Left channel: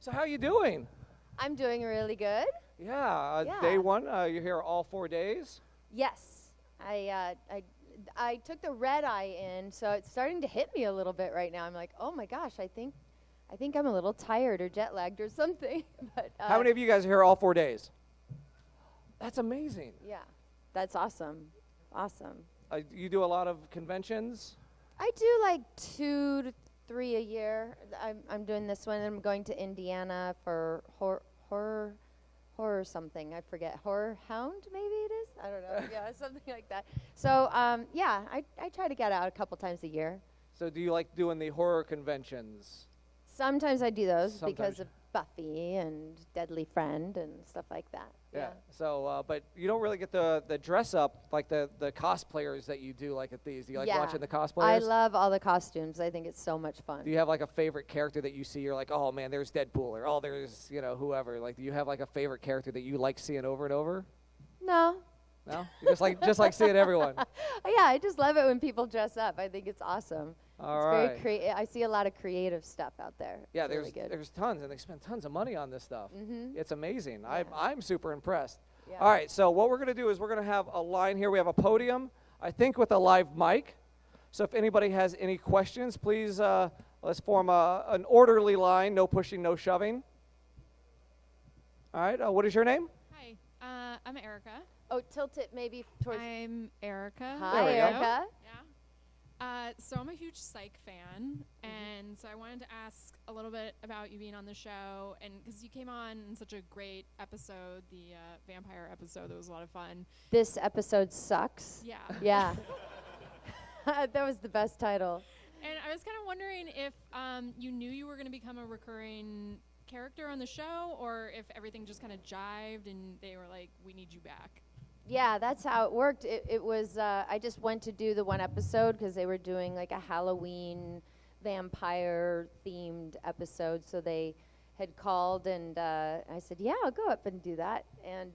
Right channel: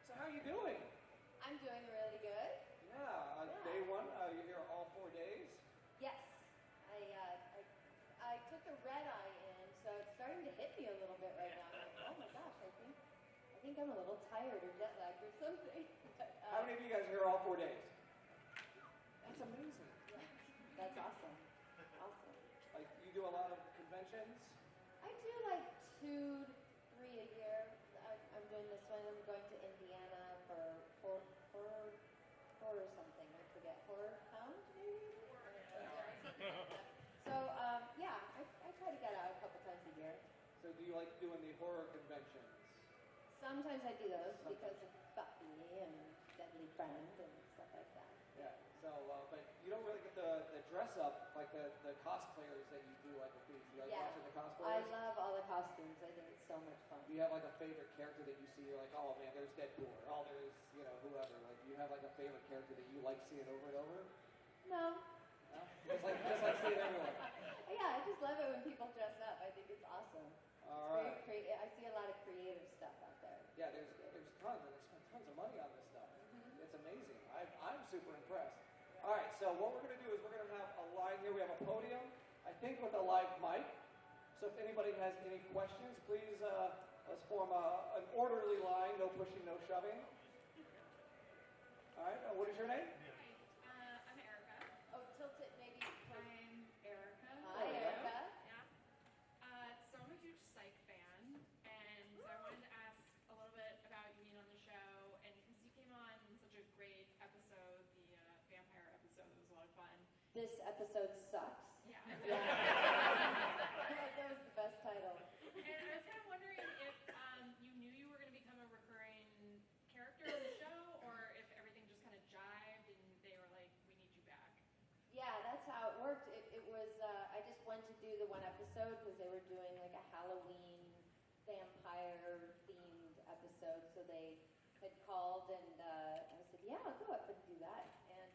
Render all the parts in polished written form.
So how you doing? I'm doing really good. Yeah, Yeah. day one, you're here all 4 days. Yes, I took the red eye in, so it's starting to hit me a little bit right now. I'm like, oh my gosh, I think I'm a little tired or jet lagged or something. But How many of you guys are here all 4 days? That's amazing. yeah, that's awesome. Awesome. You do a lot of conventions? I do like 2 to 3 a year. I'm doing this one. I'm going to Indiana for horror something. I forget. Horror Hound, maybe it is? I don't know. Yeah, something like that. So, yeah, I try to get out a couple times a year. So do you like doing the horror conventions? Sometimes I do those Sometimes. because of Buffy and Deadly Friend and stuff like that. Yeah. So, but you don't really get the dress up like the cosplayers that you do like at these. Do you like Yeah. watching the cosplayers? I love all the costumes. I think it's so much fun. Do you have like a favorite character that you see? You're like, oh man, there's Deadpool, or oh, there's whoever. Like, do you have like a favorite character that you like seeing over and over? No. No, you just like seeing everyone. Yeah, I just love it when people dress up. I think it's awesome. All It's right. very I see a lot of creative stuff out there. Yeah, It's really good. there's tons, and they spend tons of money on this stuff. Mhm. It's amazing. I'm super impressed. Yeah. All right, so what we're going to do is we're going to have a line here. We have a podium, I think, with a live mic. So if anybody has any questions, please let's form an orderly line. No pushing, no shoving. All right. What is your name? Hi, I'm Erica. Oh, tilt it maybe towards. I'm Erica. There Hi, we go. Erica. Yeah. So I'm a huge Psych fan, and so I wanted to ask a little bit about you being on the show, and because you came on in such a great episode, the vampire episode, that was a lot of fun. This episode sucks. Yeah. Yeah. That was the best title. And I was kind of wondering if you knew you were going to become a recurring character on the show, or if everything just kind of jived and they were like, we need you back. Yeah, that's how it worked. It was, I just went to do the one episode because they were doing like a Halloween vampire-themed episode. So they had called, and I said, yeah, I'll go up and do that. And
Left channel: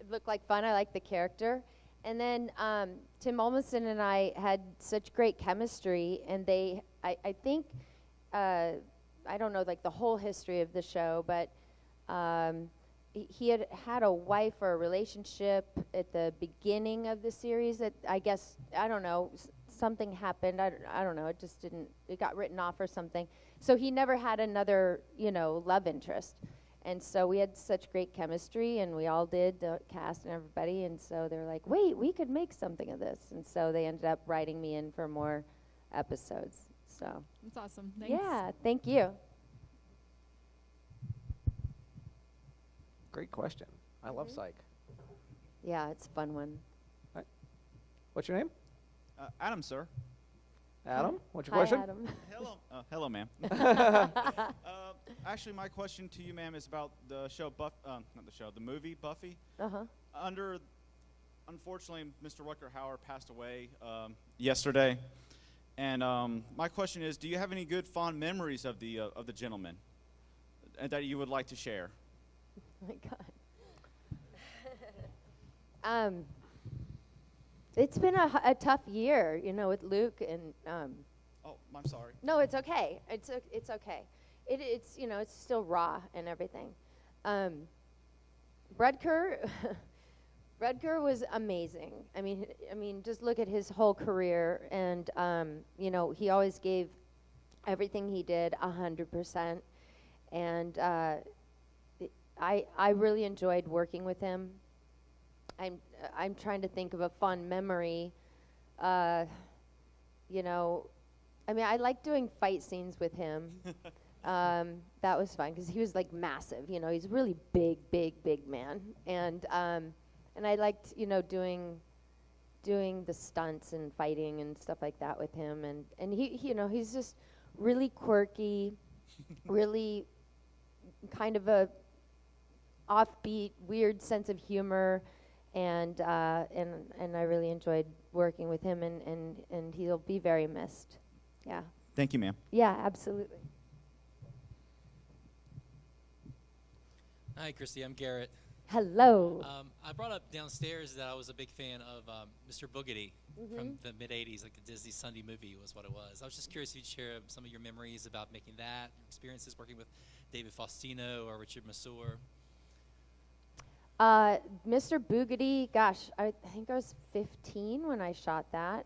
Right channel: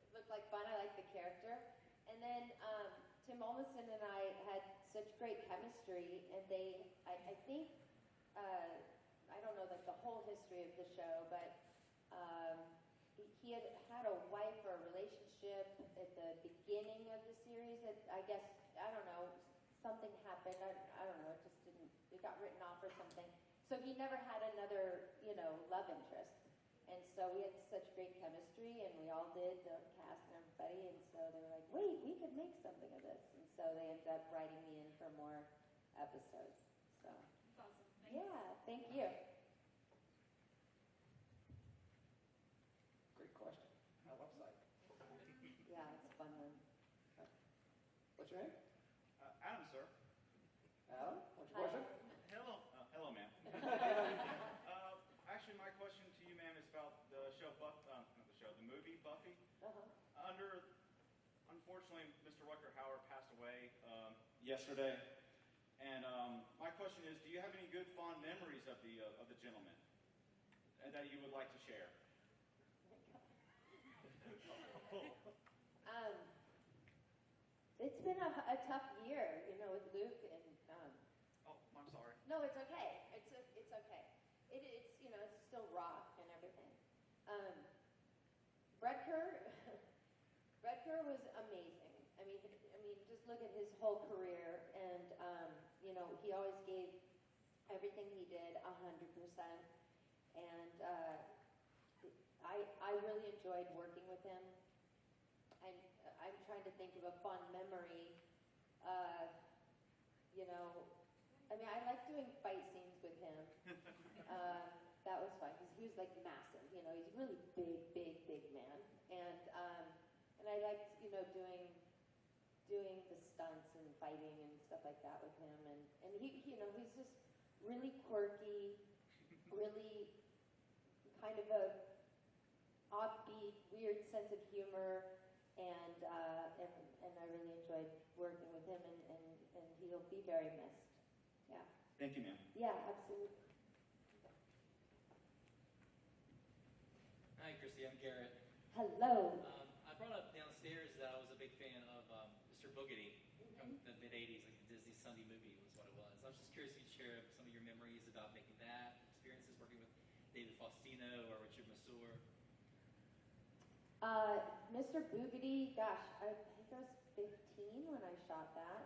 it looked like fun. I liked the character. And then Tim Olmsted and I had such great chemistry, and I think, I don't know like the whole history of the show, but he had a wife or a relationship at the beginning of the series that I guess, I don't know, something happened. I don't know. It just didn't, it got written off or something. So he never had another, love interest. And so we had such great chemistry, and we all did, the cast and everybody. And so they're like, wait, we could make something of this. And so they ended up writing me in for more episodes. So That's awesome. Thanks. yeah, thank you. Great question. I love Psych. Yeah, it's a fun one. What's your name? Adam, sir. Adam. What's your Hi, question? Adam. Hello. Hello, ma'am. Actually, my question to you, ma'am, is about the show, not the show, the movie Buffy. Uh-huh. Unfortunately, Mr. Rutger Hauer passed away yesterday, and my question is, do you have any good fond memories of the gentleman that you would like to share? Oh my God. It's been a tough year, with Luke and. Oh, I'm sorry. No, it's okay. It's okay. It's it's still raw and everything. Rutger Rutger was amazing. I mean, just look at his whole career, and he always gave everything he did 100%, and I really enjoyed working with him. I'm trying to think of a fun memory. I like doing fight scenes with him. That was fun because he was like massive. He's a really big man, and I liked doing the stunts and fighting and stuff like that with him. And he he's just really quirky, really kind of a offbeat, weird sense of humor, and I really enjoyed working with him, and he'll be very missed. Yeah. Thank you, ma'am. Yeah, absolutely. Hi, Kristy. I'm Garrett. Hello. I brought up downstairs that I was a big fan of Mr. Boogedy from the mid-'80s, like the Disney Sunday movie was what it was. I was just curious if you'd share some of your memories about making that, experiences working with David Faustino or Richard Masur? Mr. Boogedy, gosh, I think I was 15 when I shot that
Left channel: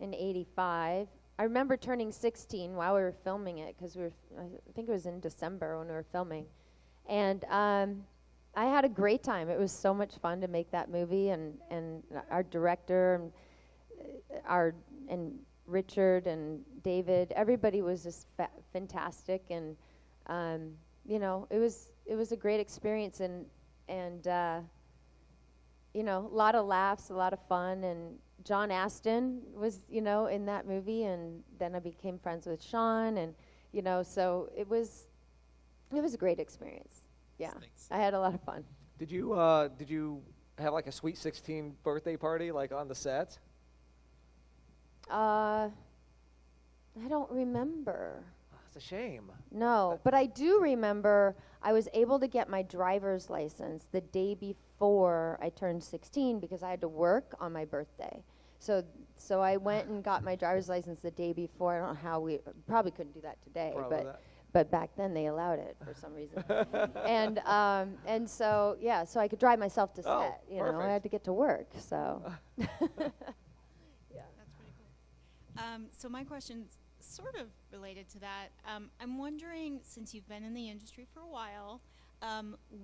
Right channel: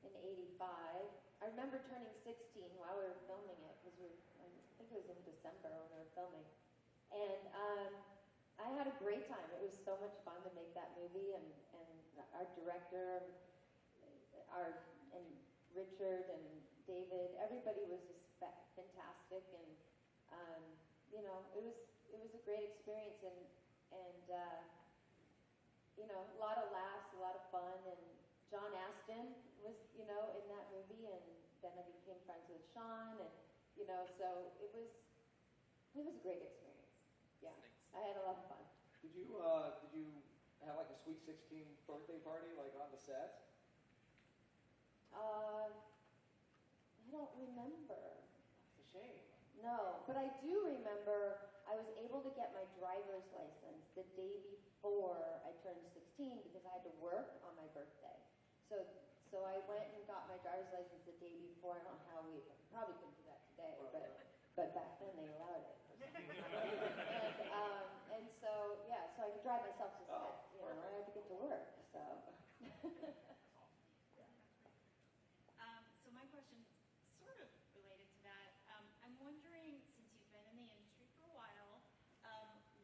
in '85. I remember turning 16 while we were filming it because I think it was in December when we were filming. And I had a great time. It was so much fun to make that movie, and our director and Richard and David, everybody was just fantastic, and it was a great experience, and a lot of laughs, a lot of fun, and John Astin was in that movie, and then I became friends with Sean, and so it was a great experience. Yeah, Thanks. I had a lot of fun. Did you have like a Sweet 16 birthday party like on the set? I don't remember. That's a shame. No, but I do remember I was able to get my driver's license the day before I turned 16 because I had to work on my birthday. So I went and got my driver's license the day before. I don't know how we probably couldn't do that today, but back then they allowed it for some reason. and so so I could drive myself to set. Oh, I had to get to work. So That's pretty cool. So my question's sort of related to that. I'm wondering, since you've been in the industry for a while,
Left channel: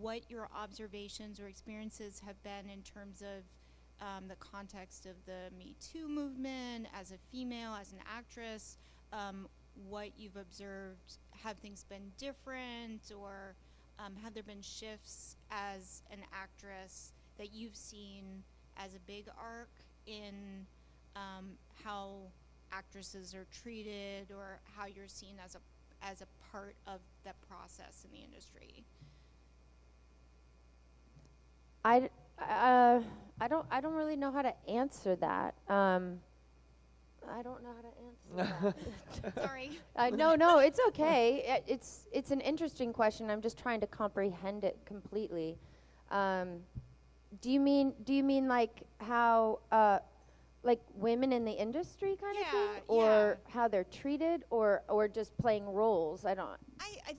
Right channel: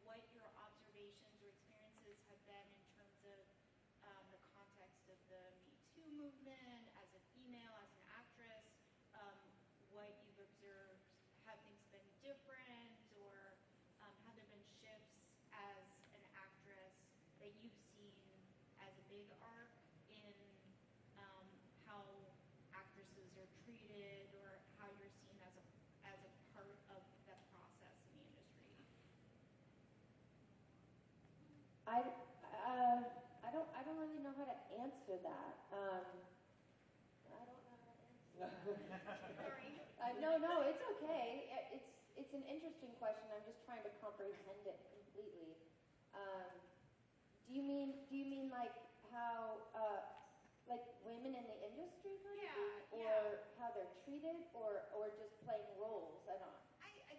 what your observations or experiences have been in terms of the context of the Me Too movement as a female, as an actress, what you've observed. Have things been different, or have there been shifts as an actress that you've seen as a big arc in how actresses are treated, or how you're seen as a part of that process in the industry? I don't really know how to answer that. I don't know how to answer that. Sorry. No, it's okay. It's an interesting question. I'm just trying to comprehend it completely. Do you mean like how like women in the industry kind of thing, or how they're treated, or just playing roles? I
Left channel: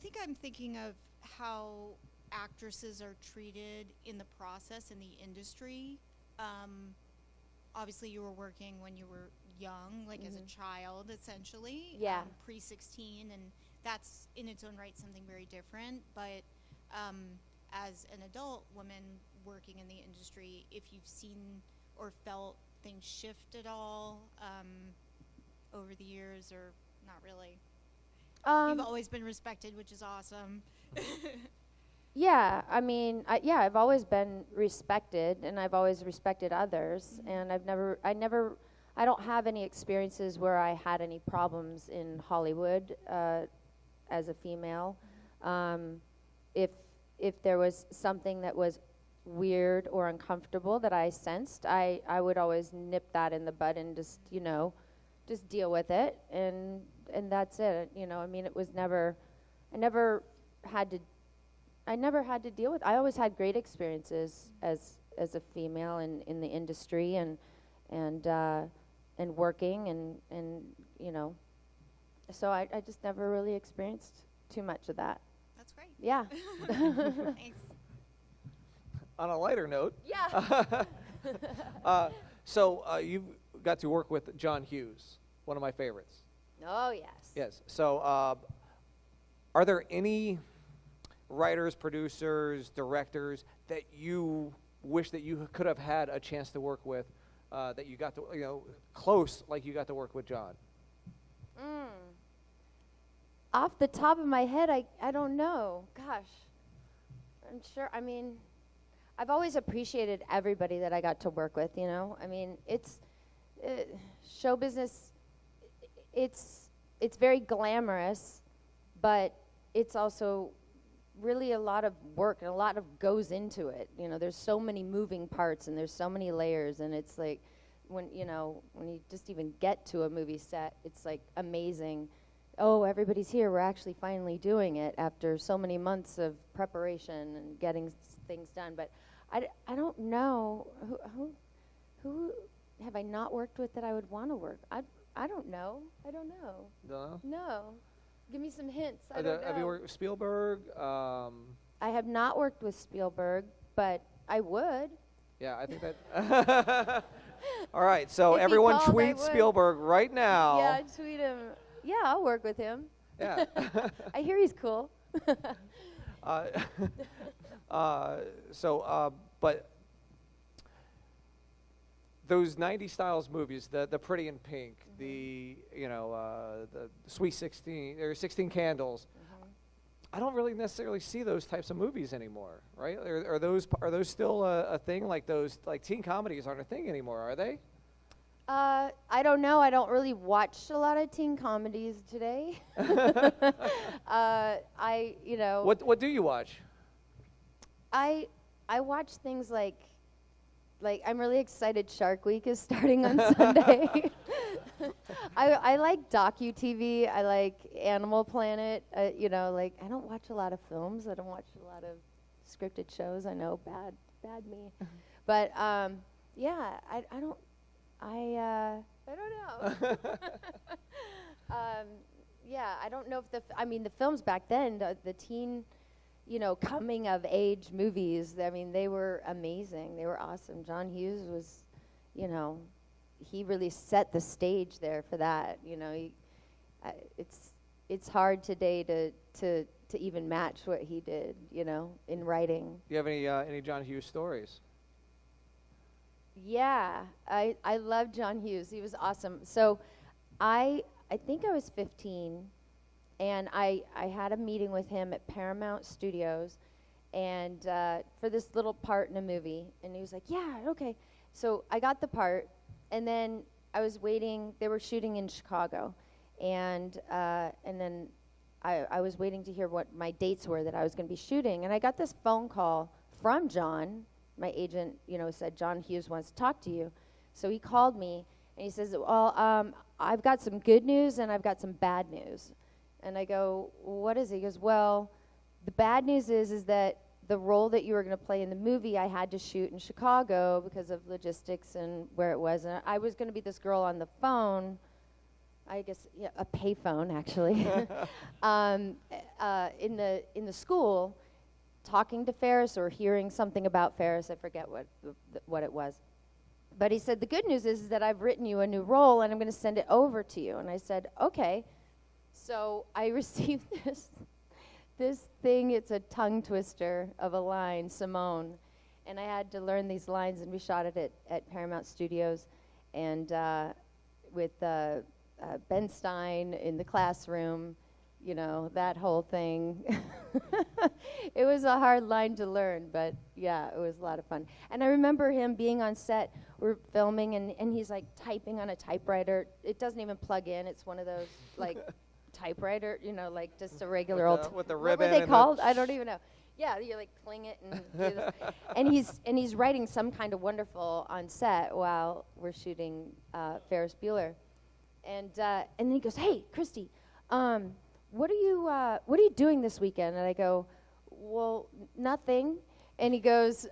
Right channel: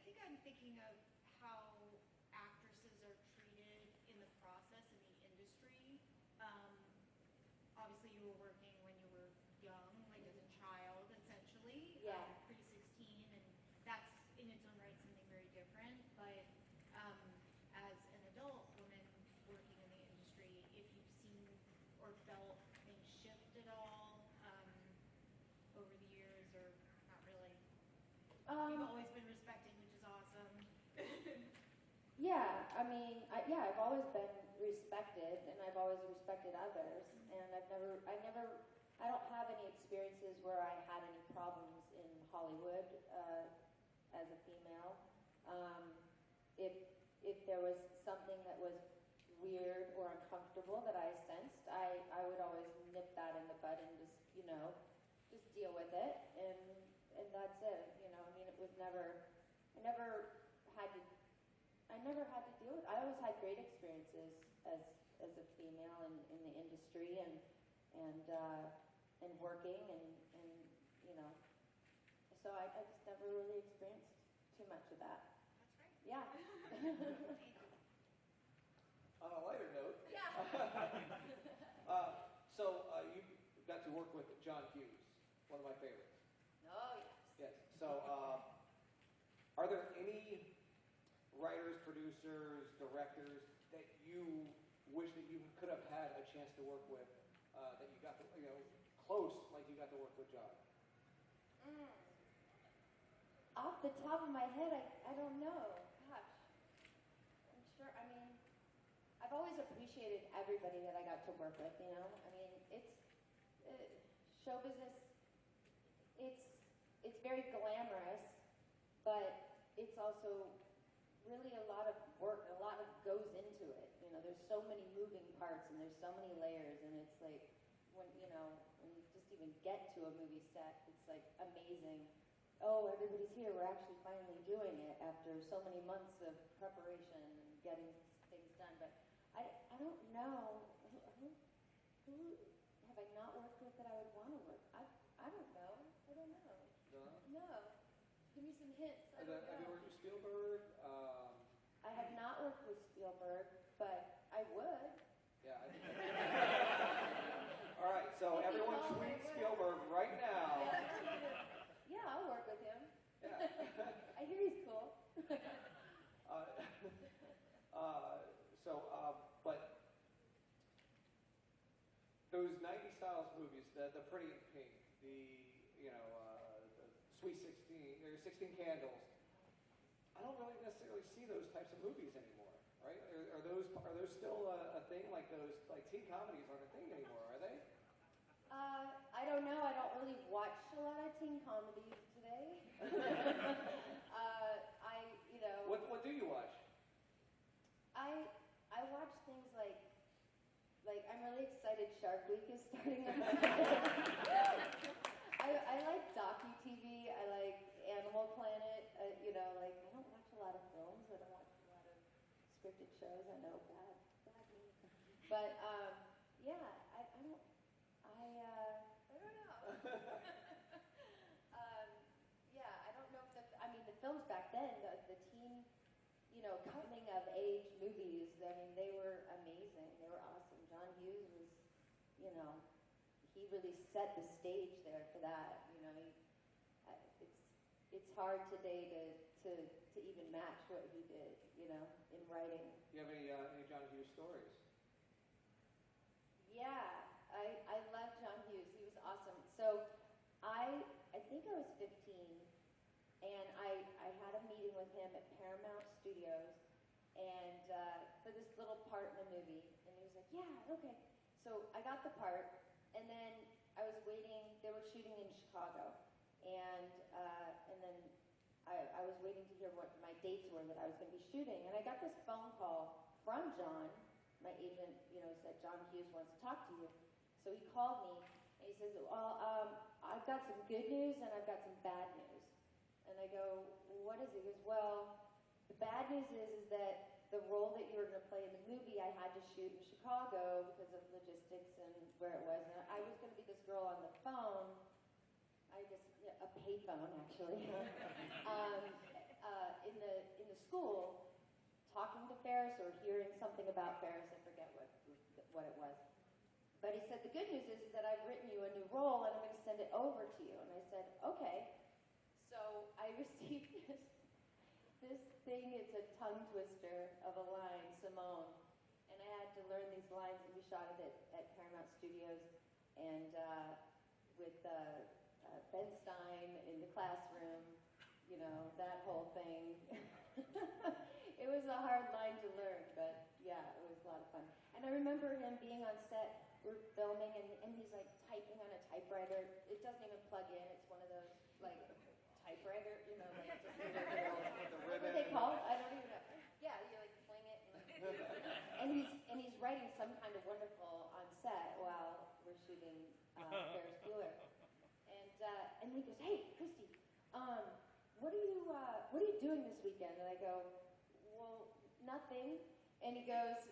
think I'm thinking of how actresses are treated in the process in the industry. Obviously, you were working when you were young, like as a child, essentially. Yeah. Pre-16, and that's in its own right something very different. But as an adult woman working in the industry, if you've seen or felt things shift at all over the years, or not really? You've always been respected, which is awesome. Yeah, I mean, I've always been respected, and I've always respected others, and I don't have any experiences where I had any problems in Hollywood as a female. If there was something that was weird or uncomfortable that I sensed, I would always nip that in the bud and just deal with it, and that's it. I mean, it was never, I never had to deal with. I always had great experiences as a female in the industry and working and so I just never really experienced too much of that. That's great. Yeah. Thanks. On a lighter note, Yeah. so you got to work with John Hughes, one of my favorites. Oh yes. Yes. So are there any writers, producers, directors that you wish that you could have had a chance to work with, that you got to, close like you got to work with John? Off the top of my head, I don't know. Gosh. I'm sure, I mean, I've always appreciated everybody that I got to work with, I mean, it's show business, it's very glamorous, but it's also really a lot of work, and a lot of goes into it. There's so many moving parts, and there's so many layers, and it's like when you just even get to a movie set, it's like amazing. Oh, everybody's here. We're actually finally doing it after so many months of preparation and getting things done. But I don't know who have I not worked with that I would want to work. I don't know. I don't know. No. No. Give me some hints. I Have don't you know. worked with Spielberg? I have not worked with Spielberg, but I would. Yeah, I think that. All right, so If he everyone called, I tweet would. Spielberg right now. Yeah, tweet him. Yeah, I'll work with him. Yeah. I hear he's cool. But those 90s styles movies, the Pretty in Pink, the Sweet 16 or 16 Candles, I don't really necessarily see those types of movies anymore, right? Are those still a thing? Like those teen comedies aren't a thing anymore, are they? I don't know. I don't really watch a lot of teen comedies today. What do you watch? I watch things like I'm really excited Shark Week is starting on Sunday. I like docu-TV. I like Animal Planet. I don't watch a lot of films. I don't watch a lot of scripted shows. I know, bad me. But I don't know. I don't know if the films back then, the teen, coming of age movies, they were amazing. They were awesome. John Hughes was, he really set the stage there for that. It's hard today to even match what he did, in writing. Do you have any John Hughes stories? Yeah, I love John Hughes. He was awesome. So I think I was 15, and I had a meeting with him at Paramount Studios, and for this little part in a movie, and he was like, yeah, okay. So I got the part, and then I was waiting. They were shooting in Chicago, and then I was waiting to hear what my dates were that I was going to be shooting, and I got this phone call from John. My agent, said, John Hughes wants to talk to you. So he called me, and he says, well, I've got some good news, and I've got some bad news. And I go, what is it? He goes, well, the bad news is that the role that you were going to play in the movie, I had to shoot in Chicago because of logistics and where it was. And I was going to be this girl on the phone, I guess, a pay phone, actually, in the school, talking to Ferris or hearing something about Ferris. I forget what it was. But he said, the good news is that I've written you a new role, and I'm going to send it over to you. And I said, okay. So I received this thing. It's a tongue twister of a line, Simone. And I had to learn these lines, and we shot it at Paramount Studios, and with Ben Stein in the classroom, that whole thing. It was a hard line to learn, but yeah, it was a lot of fun. And I remember him being on set. We're filming, and he's like typing on a typewriter. It doesn't even plug in. It's one of those like typewriter, like just a regular old. With the What ribbon. were they called? I don't even know. Yeah, you like cling it and do this. and he's writing Some Kind of Wonderful on set while we're shooting Ferris Bueller, and then he goes, "Hey, Kristy, what are you doing this weekend?" And I go, "Well, nothing." And he goes,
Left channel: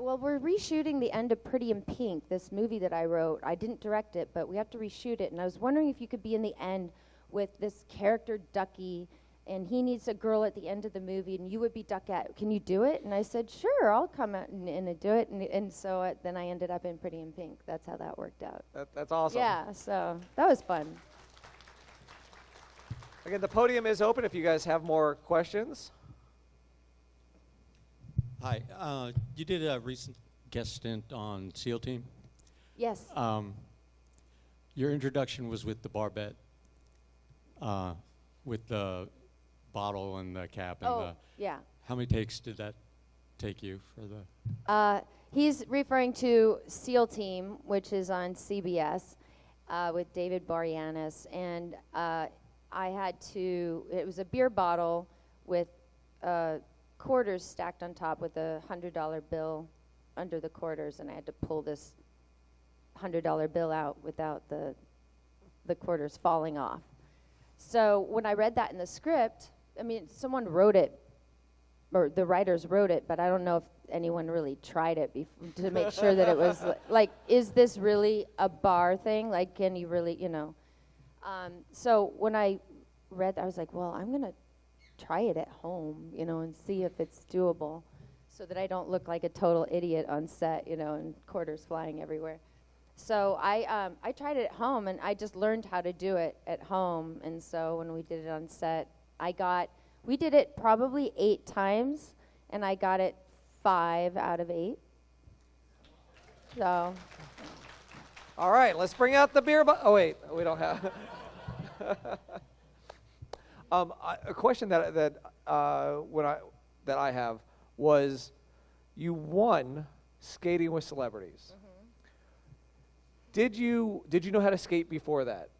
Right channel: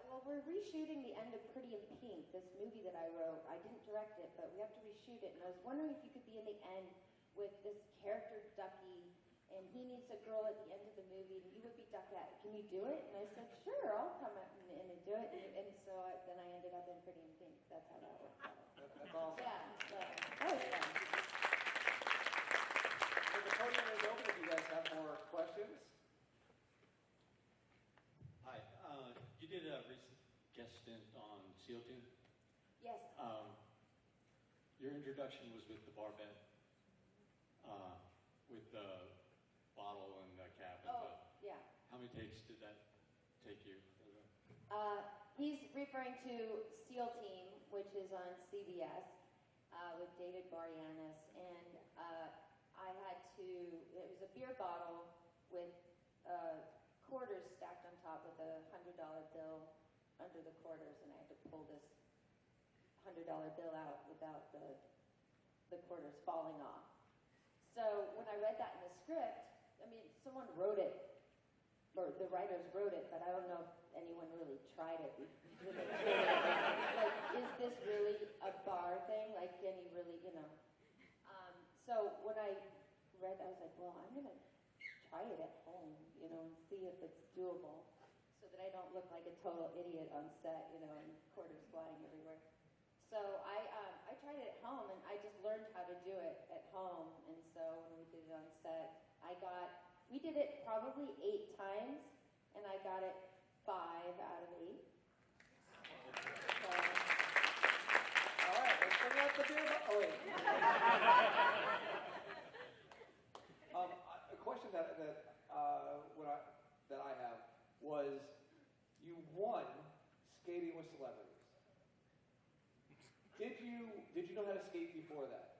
"Well, we're reshooting the end of Pretty in Pink, this movie that I wrote. I didn't direct it, but we have to reshoot it. And I was wondering if you could be in the end with this character Ducky, and he needs a girl at the end of the movie, and you would be Duckette. Can you do it?" And I said, "Sure, I'll come out and do it." And so then I ended up in Pretty in Pink. That's how that worked out. That's awesome. Yeah, so that was fun. Again, the podium is open if you guys have more questions. Hi. You did a recent guest stint on SEAL Team. Yes. Your introduction was with the barbette, with the bottle and the cap. And yeah. How many takes did that take you for the? He's referring to SEAL Team, which is on CBS with David Boreanaz. And it was a beer bottle with quarters stacked on top with a $100 bill under the quarters, and I had to pull this $100 bill out without the quarters falling off. So when I read that in the script, someone wrote it, or the writers wrote it, but I don't know if anyone really tried it to make sure that it was like, is this really a bar thing? Like, can you really, So when I read, I was like, well, I'm going to try it at home, and see if it's doable so that I don't look like a total idiot on set, and quarters flying everywhere. So I tried it at home, and I just learned how to do it at home. And so when we did it on set, we did it probably 8 times, and I got it 5 out of 8. So. All right, let's bring out the beer. Oh wait, we don't have it. A question that I have was, you won Skating with Celebrities. Did you know how to skate before that?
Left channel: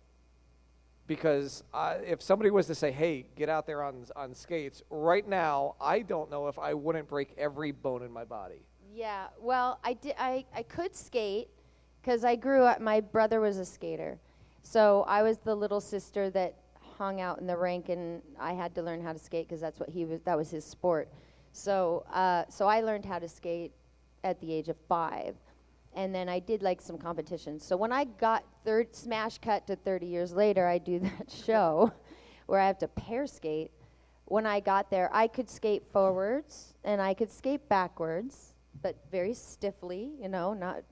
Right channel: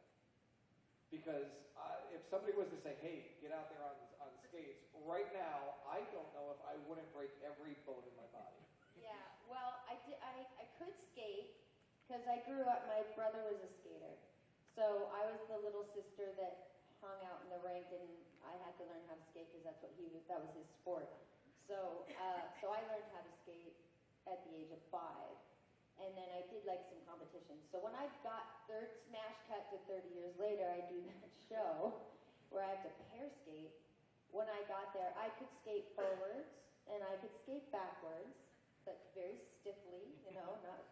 Because if somebody was to say, "Hey, get out there on skates," right now, I don't know if I wouldn't break every bone in my body. Yeah, well, I could skate because I grew up. My brother was a skater, so I was the little sister that hung out in the rink, and I had to learn how to skate because that was his sport. So I learned how to skate at the age of 5. And then I did like some competitions. So when I got smash cut to 30 years later, I do that show where I have to pair skate. When I got there, I could skate forwards and I could skate backwards, but very stiffly, not,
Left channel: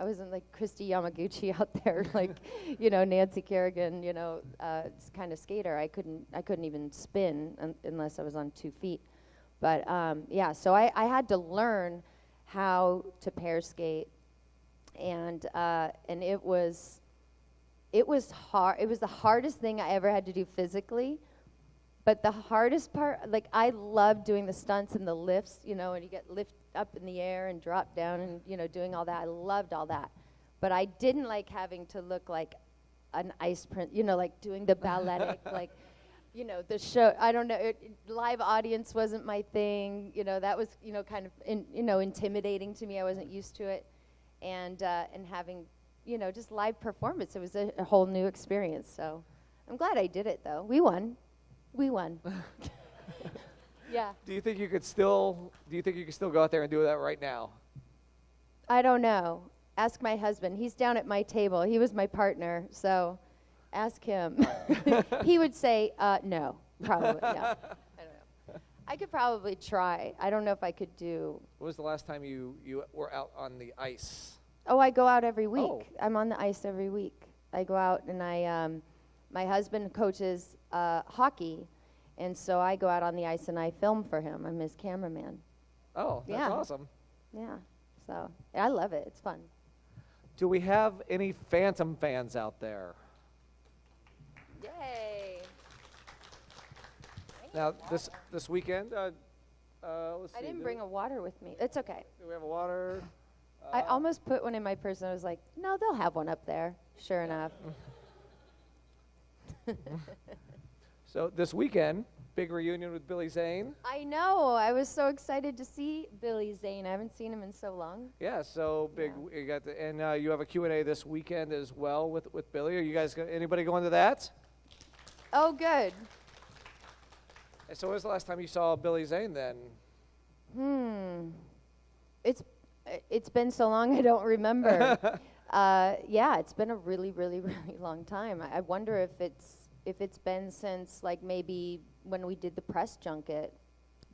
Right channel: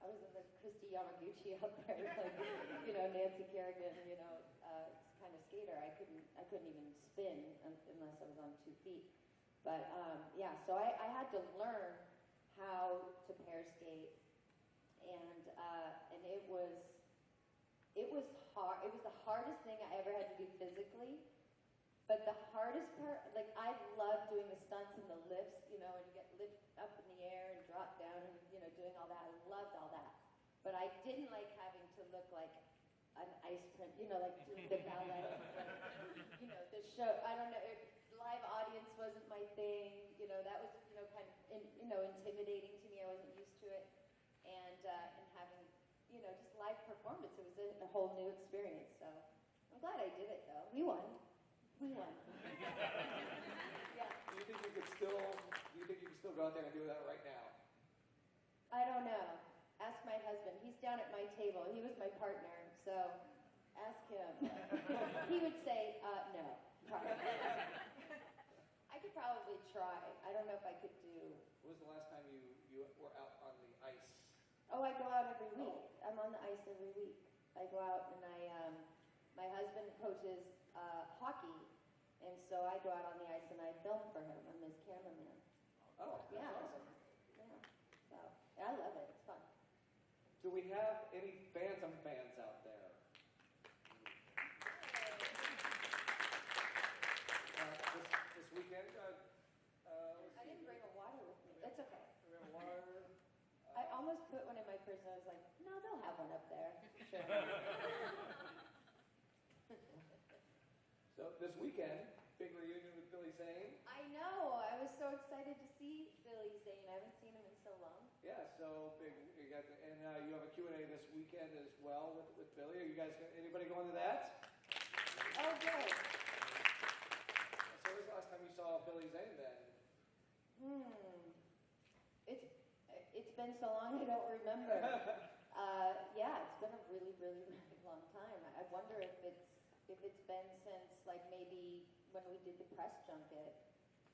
I wasn't like Kristy Yamaguchi out there, like, Nancy Kerrigan, kind of skater. I couldn't even spin unless I was on 2 feet. But yeah, so I had to learn how to pair skate, and it was hard. It was the hardest thing I ever had to do physically, but the hardest part, like, I loved doing the stunts and the lifts, and you get lift up in the air and drop down and doing all that. I loved all that, but I didn't like having to look like an ice prince, like doing the balletic, like. The show, I don't know, live audience wasn't my thing, that was, kind of, intimidating to me. I wasn't used to it. And having, just live performance, it was a whole new experience. So I'm glad I did it, though. We won. Yeah. Do you think you could still go out there and do that right now? I don't know. Ask my husband. He's down at my table. He was my partner, so... Ask him. He would say, no, probably not. I could probably try. I don't know if I could do. When was the last time you were out on the ice? Oh, I go out every week. Oh. I'm on the ice every week. I go out and my husband coaches hockey, and so I go out on the ice and I film for him. I'm his cameraman. Oh, that's awesome. Yeah, so I love it. It's fun. Do we have any Phantom fans out there? Yay. Now, this weekend, let's see. I didn't bring a water with me. It's okay. Do we have a water? I almost put one in my purse, and I was like, no, they'll have one up there. Sure enough. So this weekend, big reunion with Billy Zane. I know. I was so excited to see Billy Zane. I haven't seen him in so long. Yeah, so big. Yeah. You got you have a Q&A this weekend as well with Billy. Are you guys anybody going to that? Oh, good. So when was the last time you saw Billy Zane then? It's been so long I don't remember. Yeah, it's been a really, really, really long time. I wonder if it's been since like maybe when we did the press junket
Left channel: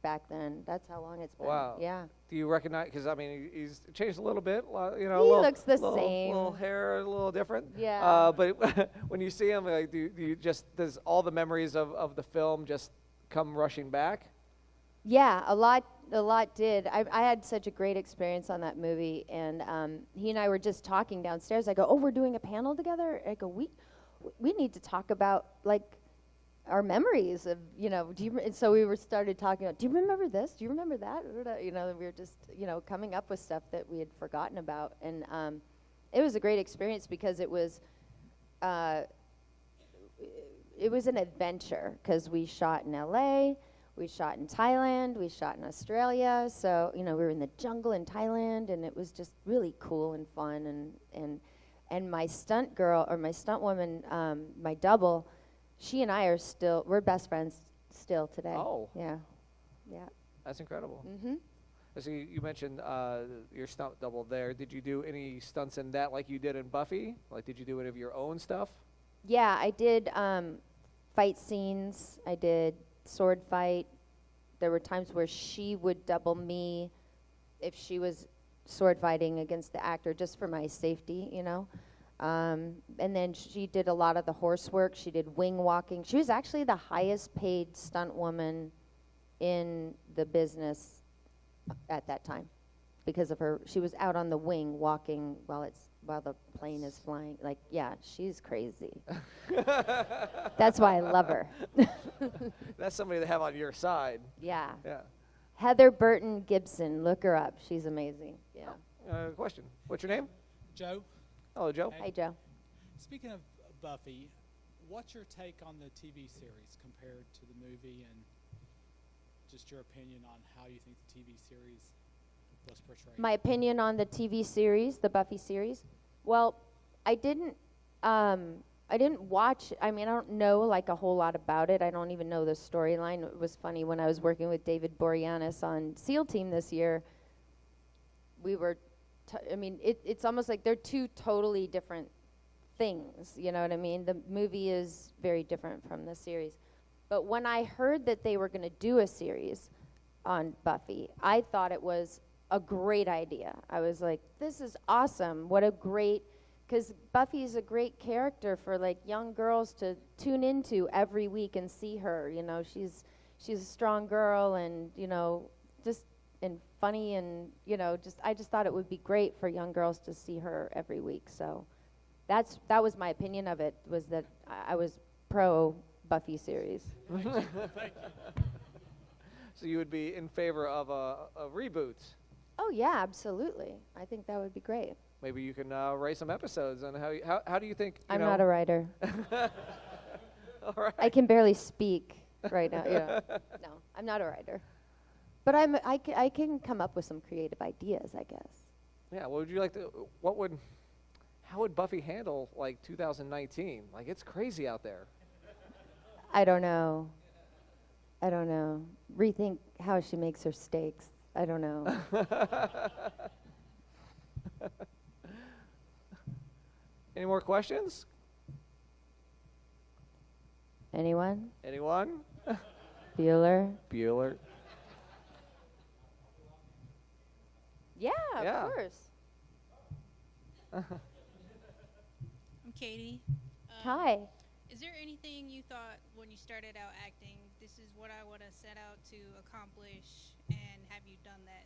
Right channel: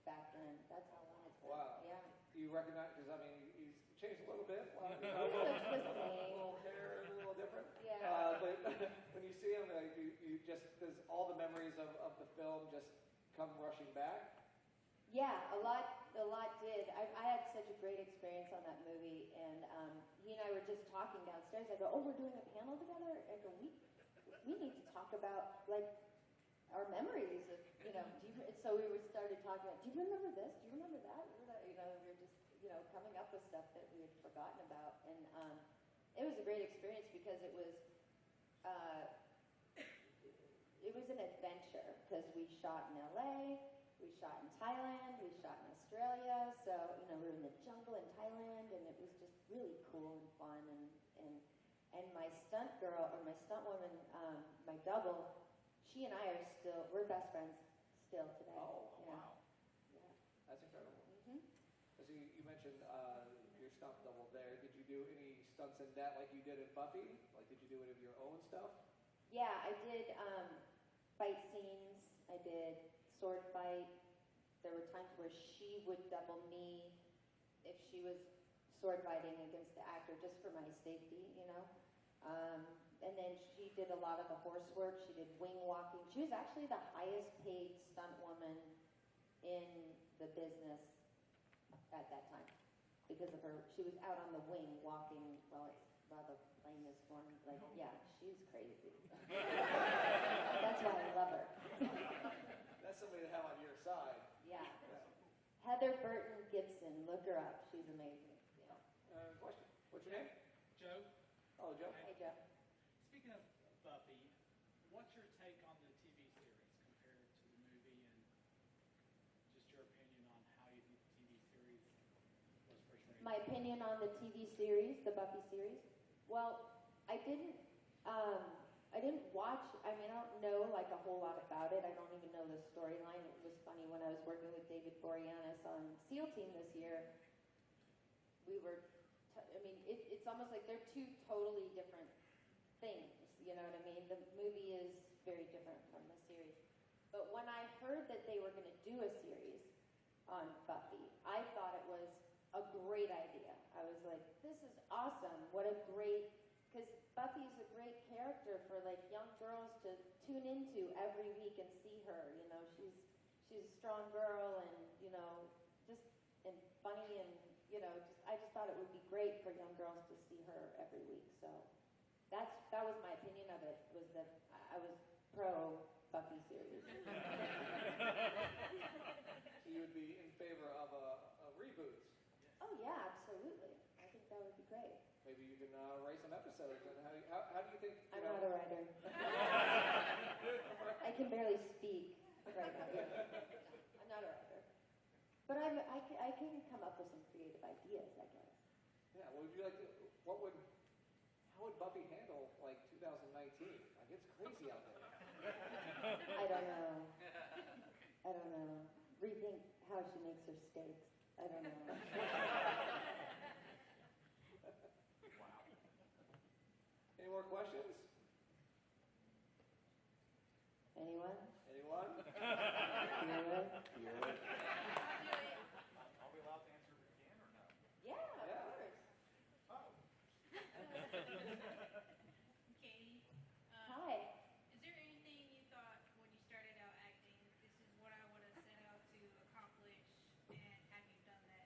back then. That's how long it's been. Wow. Yeah. Do you recognize? Because I mean, he's changed a little bit. He looks the same. Little hair, a little different. Yeah. But when you see him, like, do you just does all the memories of the film just come rushing back? Yeah, a lot did. I had such a great experience on that movie, and he and I were just talking downstairs. I go, oh, we're doing a panel together? I go, we need to talk about, like, our memories of, and so we started talking about, do you remember this? Do you remember that? We were just, coming up with stuff that we had forgotten about, and it was a great experience because it was an adventure, because we shot in L.A., we shot in Thailand, we shot in Australia, so, we were in the jungle in Thailand, and it was just really cool and fun, and my stunt girl, or my stunt woman, my double, she and I we're best friends still today. Oh. Yeah. That's incredible. Mm-hmm. So you mentioned your stunt double there. Did you do any stunts in that like you did in Buffy? Like, did you do any of your own stuff? Yeah, I did fight scenes. I did sword fight. There were times where she would double me if she was sword fighting against the actor, just for my safety, you know. And then she did a lot of the horse work. She did wing walking. She was actually the highest paid stunt woman in the business at that time because of her. She was out on the wing walking while the plane is flying. Like, yeah, she's crazy. That's why I love her. That's somebody to have on your side. Yeah. Yeah. Heather Burton Gibson, look her up. She's amazing. Yeah. Question. What's your name? Joe, Hello, Joe. Hi, Joe. speaking of Buffy, what's your take on the TV series compared to the movie, and just your opinion on how you think the TV series was portrayed? My opinion on the TV series, the Buffy series. Well, I didn't watch. I mean, I don't know like a whole lot about it. I don't even know the storyline. It was funny when I was working with David Boreanaz on SEAL Team this year. We were, it's almost like they're two totally different things. You know what I mean? The movie is very different from the series. But when I heard that they were going to do a series on Buffy, I thought it was a great idea. I was like, this is awesome. What a great, because Buffy's a great character for like young girls to tune into every week and see her. You know, she's a strong girl and, you know, just and funny and, you know, I just thought it would be great for young girls to see her every week. So that was my opinion of it, was that I was pro Buffy series. So you would be in favor of a reboot. Oh yeah, absolutely. I think that would be great. Maybe you can write some episodes on how do you think? I'm not a writer. All right. I can barely speak right now. Yeah. No, I'm not a writer. But I can come up with some creative ideas, I guess. Yeah. What would you like to? How would Buffy handle like 2019? Like it's crazy out there. I don't know. Rethink how she makes her steaks. I don't know. Any more questions? Anyone? Anyone? Bueller? Bueller. Yeah, Yeah. of course. I'm Katie. Hi. Is there anything you thought when you started out acting, this is what I want to set out to accomplish, and have you done that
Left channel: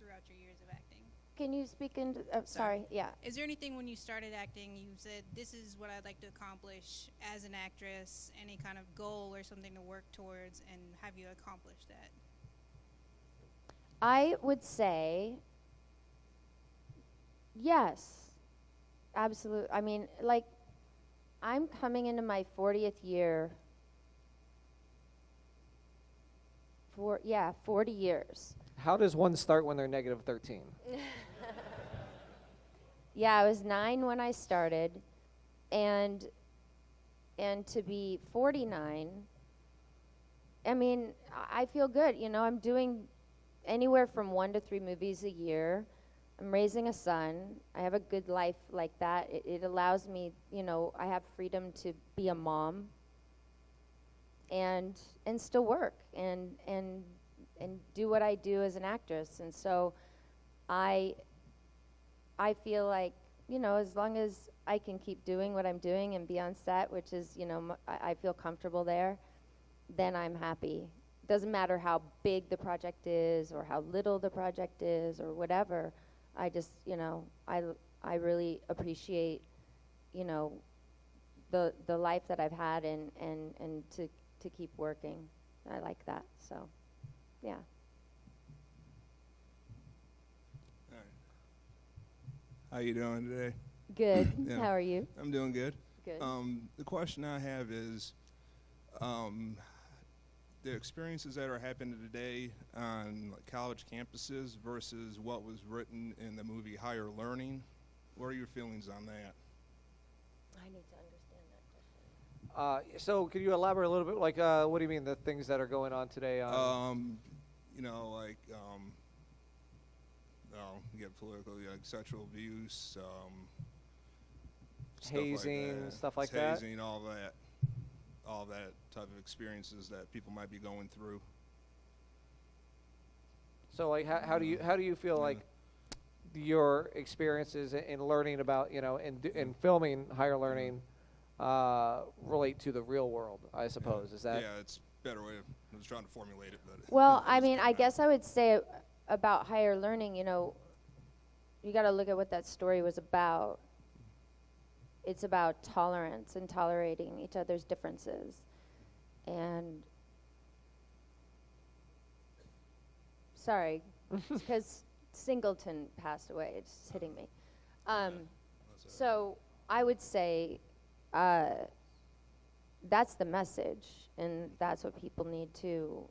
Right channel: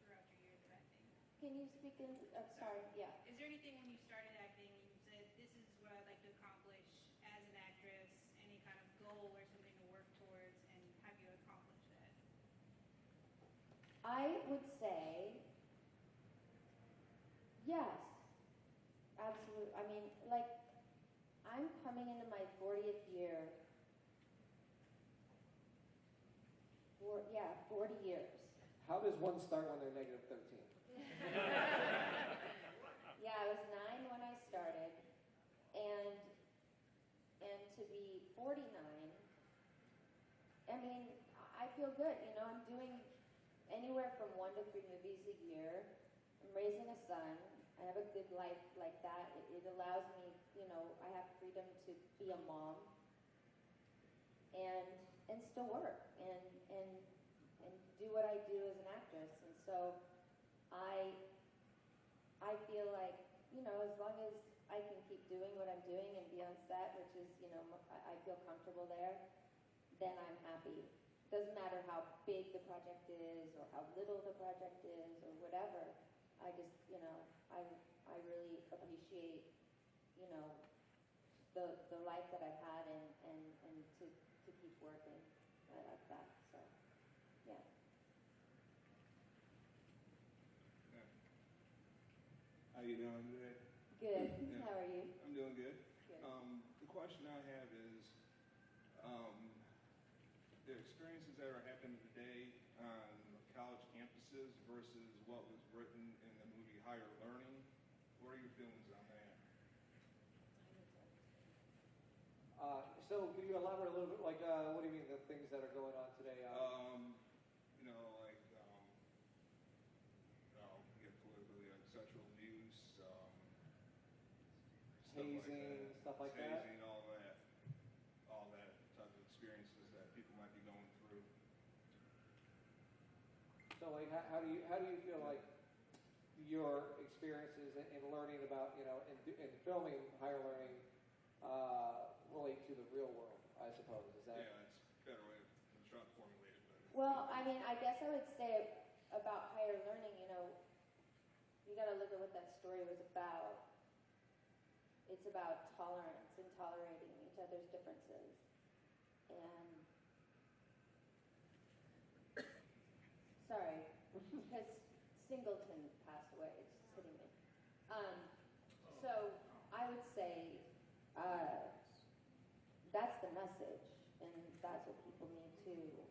throughout your years of acting? Can you speak into? Sorry. Yeah. Is there anything when you started acting you said, this is what I'd like to accomplish as an actress, any kind of goal or something to work towards, and have you accomplished that? I would say yes, absolutely. I mean, like, I'm coming into my 40th year. 40 years. How does one start when they're negative 13? Yeah, I was 9 when I started, and to be 49, I mean, I feel good. You know, I'm doing anywhere from 1 to 3 movies a year. I'm raising a son. I have a good life like that. It allows me, you know, I have freedom to be a mom and still work and do what I do as an actress. And so I feel like, you know, as long as I can keep doing what I'm doing and be on set, which is, you know, I feel comfortable there, then I'm happy. Doesn't matter how big the project is or how little the project is or whatever. I just, you know, I really appreciate, you know, the life that I've had and to keep working. I like that. So, yeah. How you doing today? Good. Yeah. How are you? I'm doing good. Good. The question I have is, the experiences that are happening today on like, college campuses versus what was written in the movie Higher Learning. What are your feelings on that? I need to understand that. So could you elaborate a little bit? Like, what do you mean the things that are going on today? You know, like, you get political, like sexual abuse, hazing, stuff like that. Hazing, all that. all that type of experiences that people might be going through. So like how do you feel like your experiences in learning about in filming higher learning relate to the real world? I suppose is that it's a better way of I was trying to formulate it, but Well, I mean, I guess I would say about higher learning, you got to look at what that story was about. It's about tolerance and tolerating each other's differences. And sorry, because Singleton passed away. It's just hitting me. So I would say that's the message, and that's what people need to,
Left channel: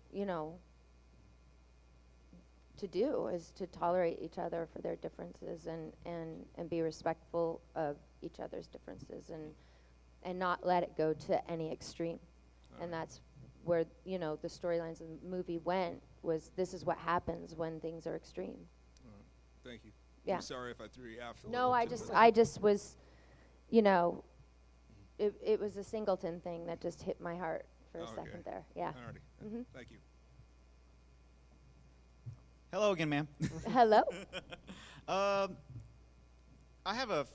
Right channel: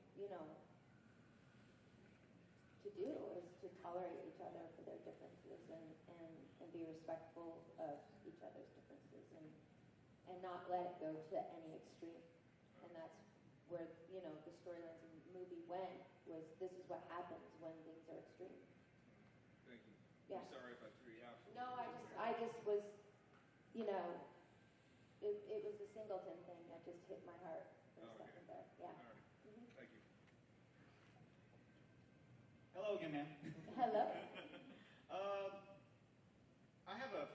to do, is to tolerate each other for their differences and be respectful of each other's differences and not let it go to any extreme. And that's where, the storylines of the movie went, was this is what happens when things are extreme. Thank you. Yeah. I'm sorry if I threw you off. No, I just was, it was a Singleton thing that just hit my heart for a second there. Yeah. Alrighty. Mm-hmm. Thank you. Hello again, ma'am. Hello. I have a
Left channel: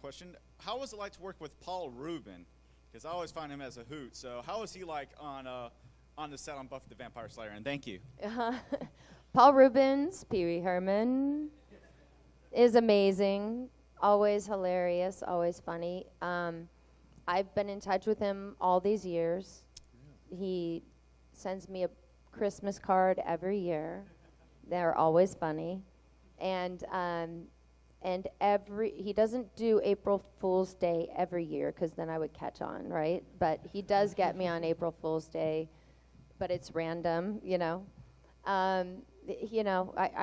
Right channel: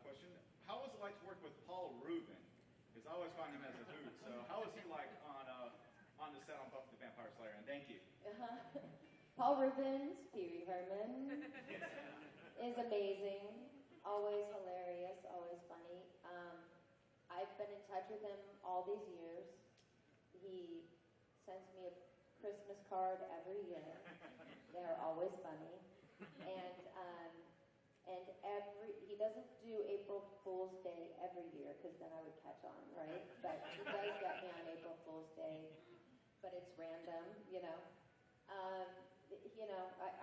question. How was it like to work with Paul Reubens? Because I always find him as a hoot. So how was he like on the set on Buffy the Vampire Slayer? And thank you. Paul Reubens, Pee Wee Herman, is amazing. Always hilarious, always funny. I've been in touch with him all these years. He sends me a Christmas card every year. They're always funny. And he doesn't do April Fool's Day every year, because then I would catch on, right? But he does get me on April Fool's Day, but it's random, I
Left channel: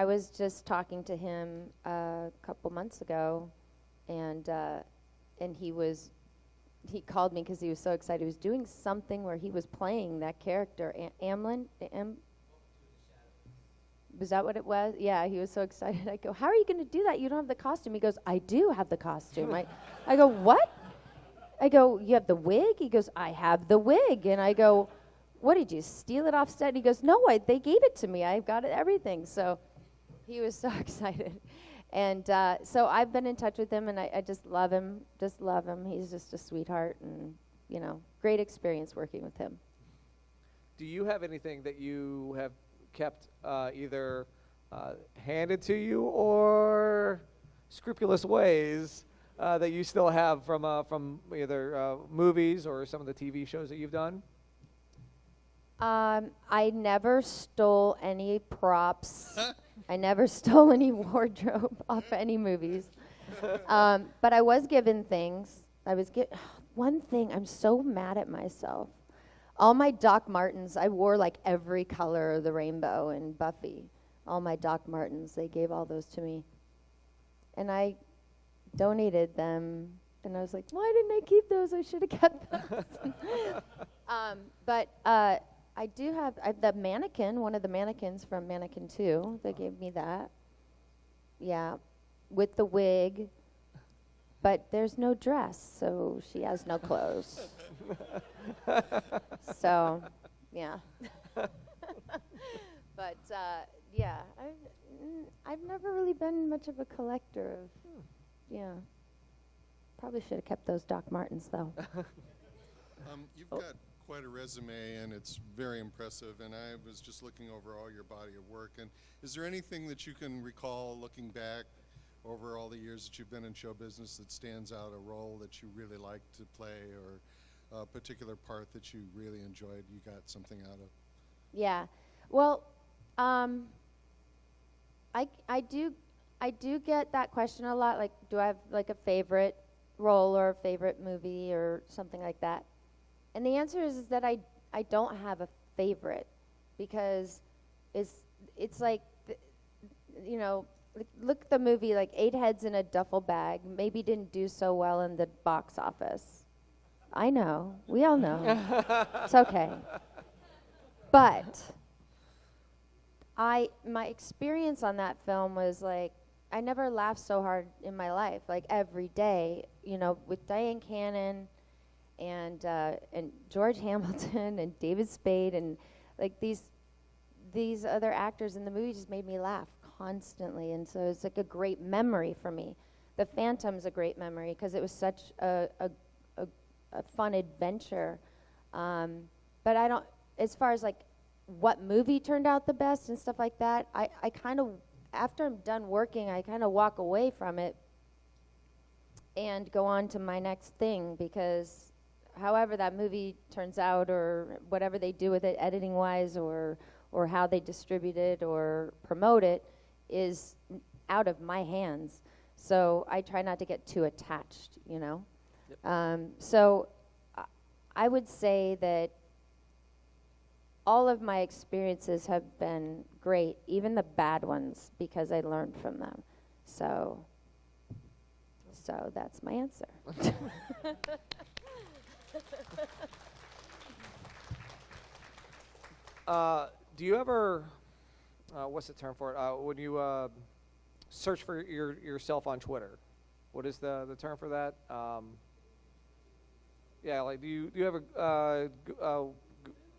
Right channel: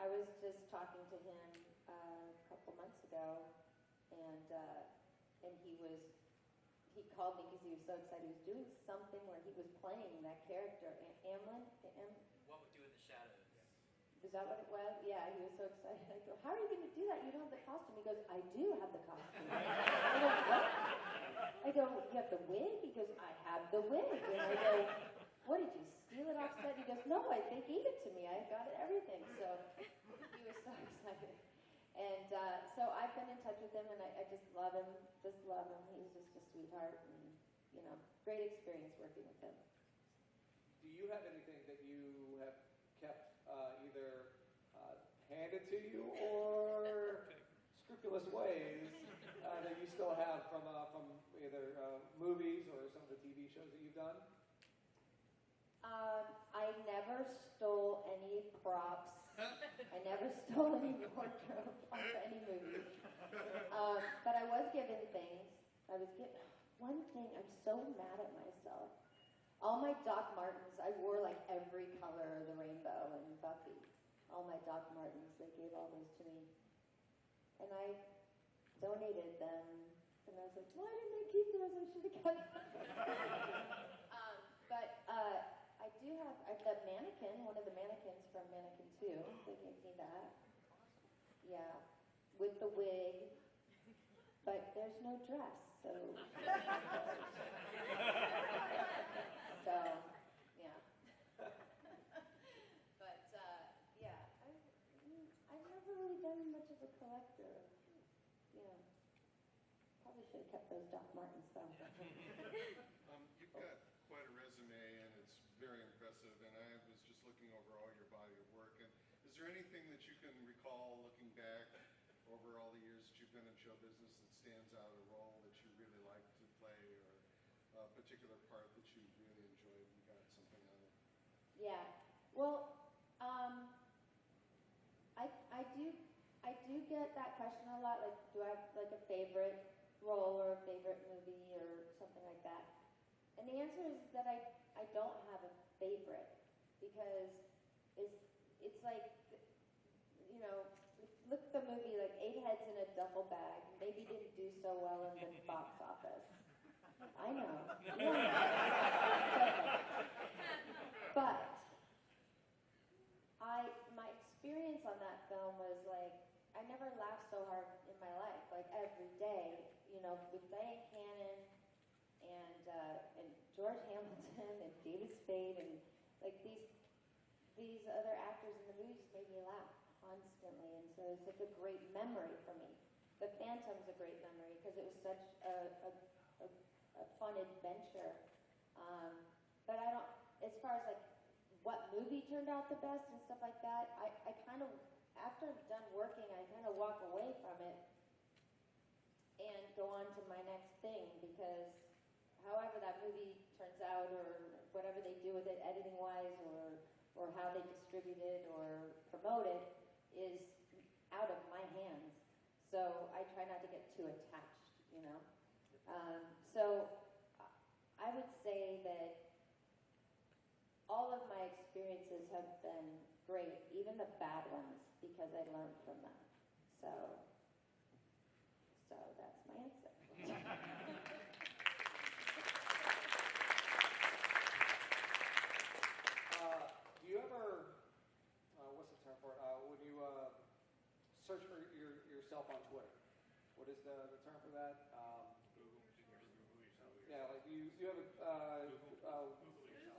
was just talking to him a couple months ago, and he called me because he was so excited. He was doing something where he was playing that character, Amlin. Was that what it was? Yeah, he was so excited. I go, how are you going to do that? You don't have the costume. He goes, I do have the costume. I go, what? I go, you have the wig? He goes, I have the wig. And I go, what, did you steal it off set? He goes, no, they gave it to me. I've got everything. So he was so excited. And so I've been in touch with him, and I just love him. Just love him. He's just a sweetheart, and, great experience working with him. Do you have anything that you have kept either handed to you or scrupulous ways that you still have from either movies or some of the TV shows that you've done? I never stole any props. I never stole any wardrobe off any movies. But I was given things. One thing, I'm so mad at myself. All my Doc Martens, I wore like every color of the rainbow in Buffy. All my Doc Martens, they gave all those to me. And I donated them, and I was like, why didn't I keep those? I should have kept those. But I do have the mannequin, one of the mannequins from Mannequin 2. They gave me that. Yeah, with the wig. But there's no dress, so she has no clothes. So, yeah. But, yeah, I've never really been much of a collector of, yeah. Probably should have kept those Doc Martens, though. You've got quite a resume, and it's very impressive, and I was just looking over all your body of work. And is there anything that you can recall looking back over all the years that you've been in show business that stands out, a role that you really liked to play, or a particular part that you really enjoyed, you got something out of? Yeah. Well, I do get that question a lot, like, do I have like a favorite role or a favorite movie or something like that? And the answer is that I don't have a favorite, because it's like, look at the movie, like 8 Heads in a Duffel Bag, maybe didn't do so well in the box office. I know. We all know. It's okay. But my experience on that film was like, I never laughed so hard in my life, like every day, with Diane Cannon and George Hamilton and David Spade and like these other actors in the movie just made me laugh constantly, and so it's like a great memory for me. The Phantom's a great memory because it was such a fun adventure. But I don't, as far as like what movie turned out the best and stuff like that, I kind of, after I'm done working, I kind of walk away from it and go on to my next thing, because however that movie turns out or whatever they do with it editing wise or how they distribute it or promote it is out of my hands. So I try not to get too attached, you know. Yep. So I would say that all of my experiences have been great, even the bad ones, because I learned from them. So that's my answer. Do you ever, what's the term for it? When you search for yourself on Twitter, what is the term for that? Yeah, like do you ever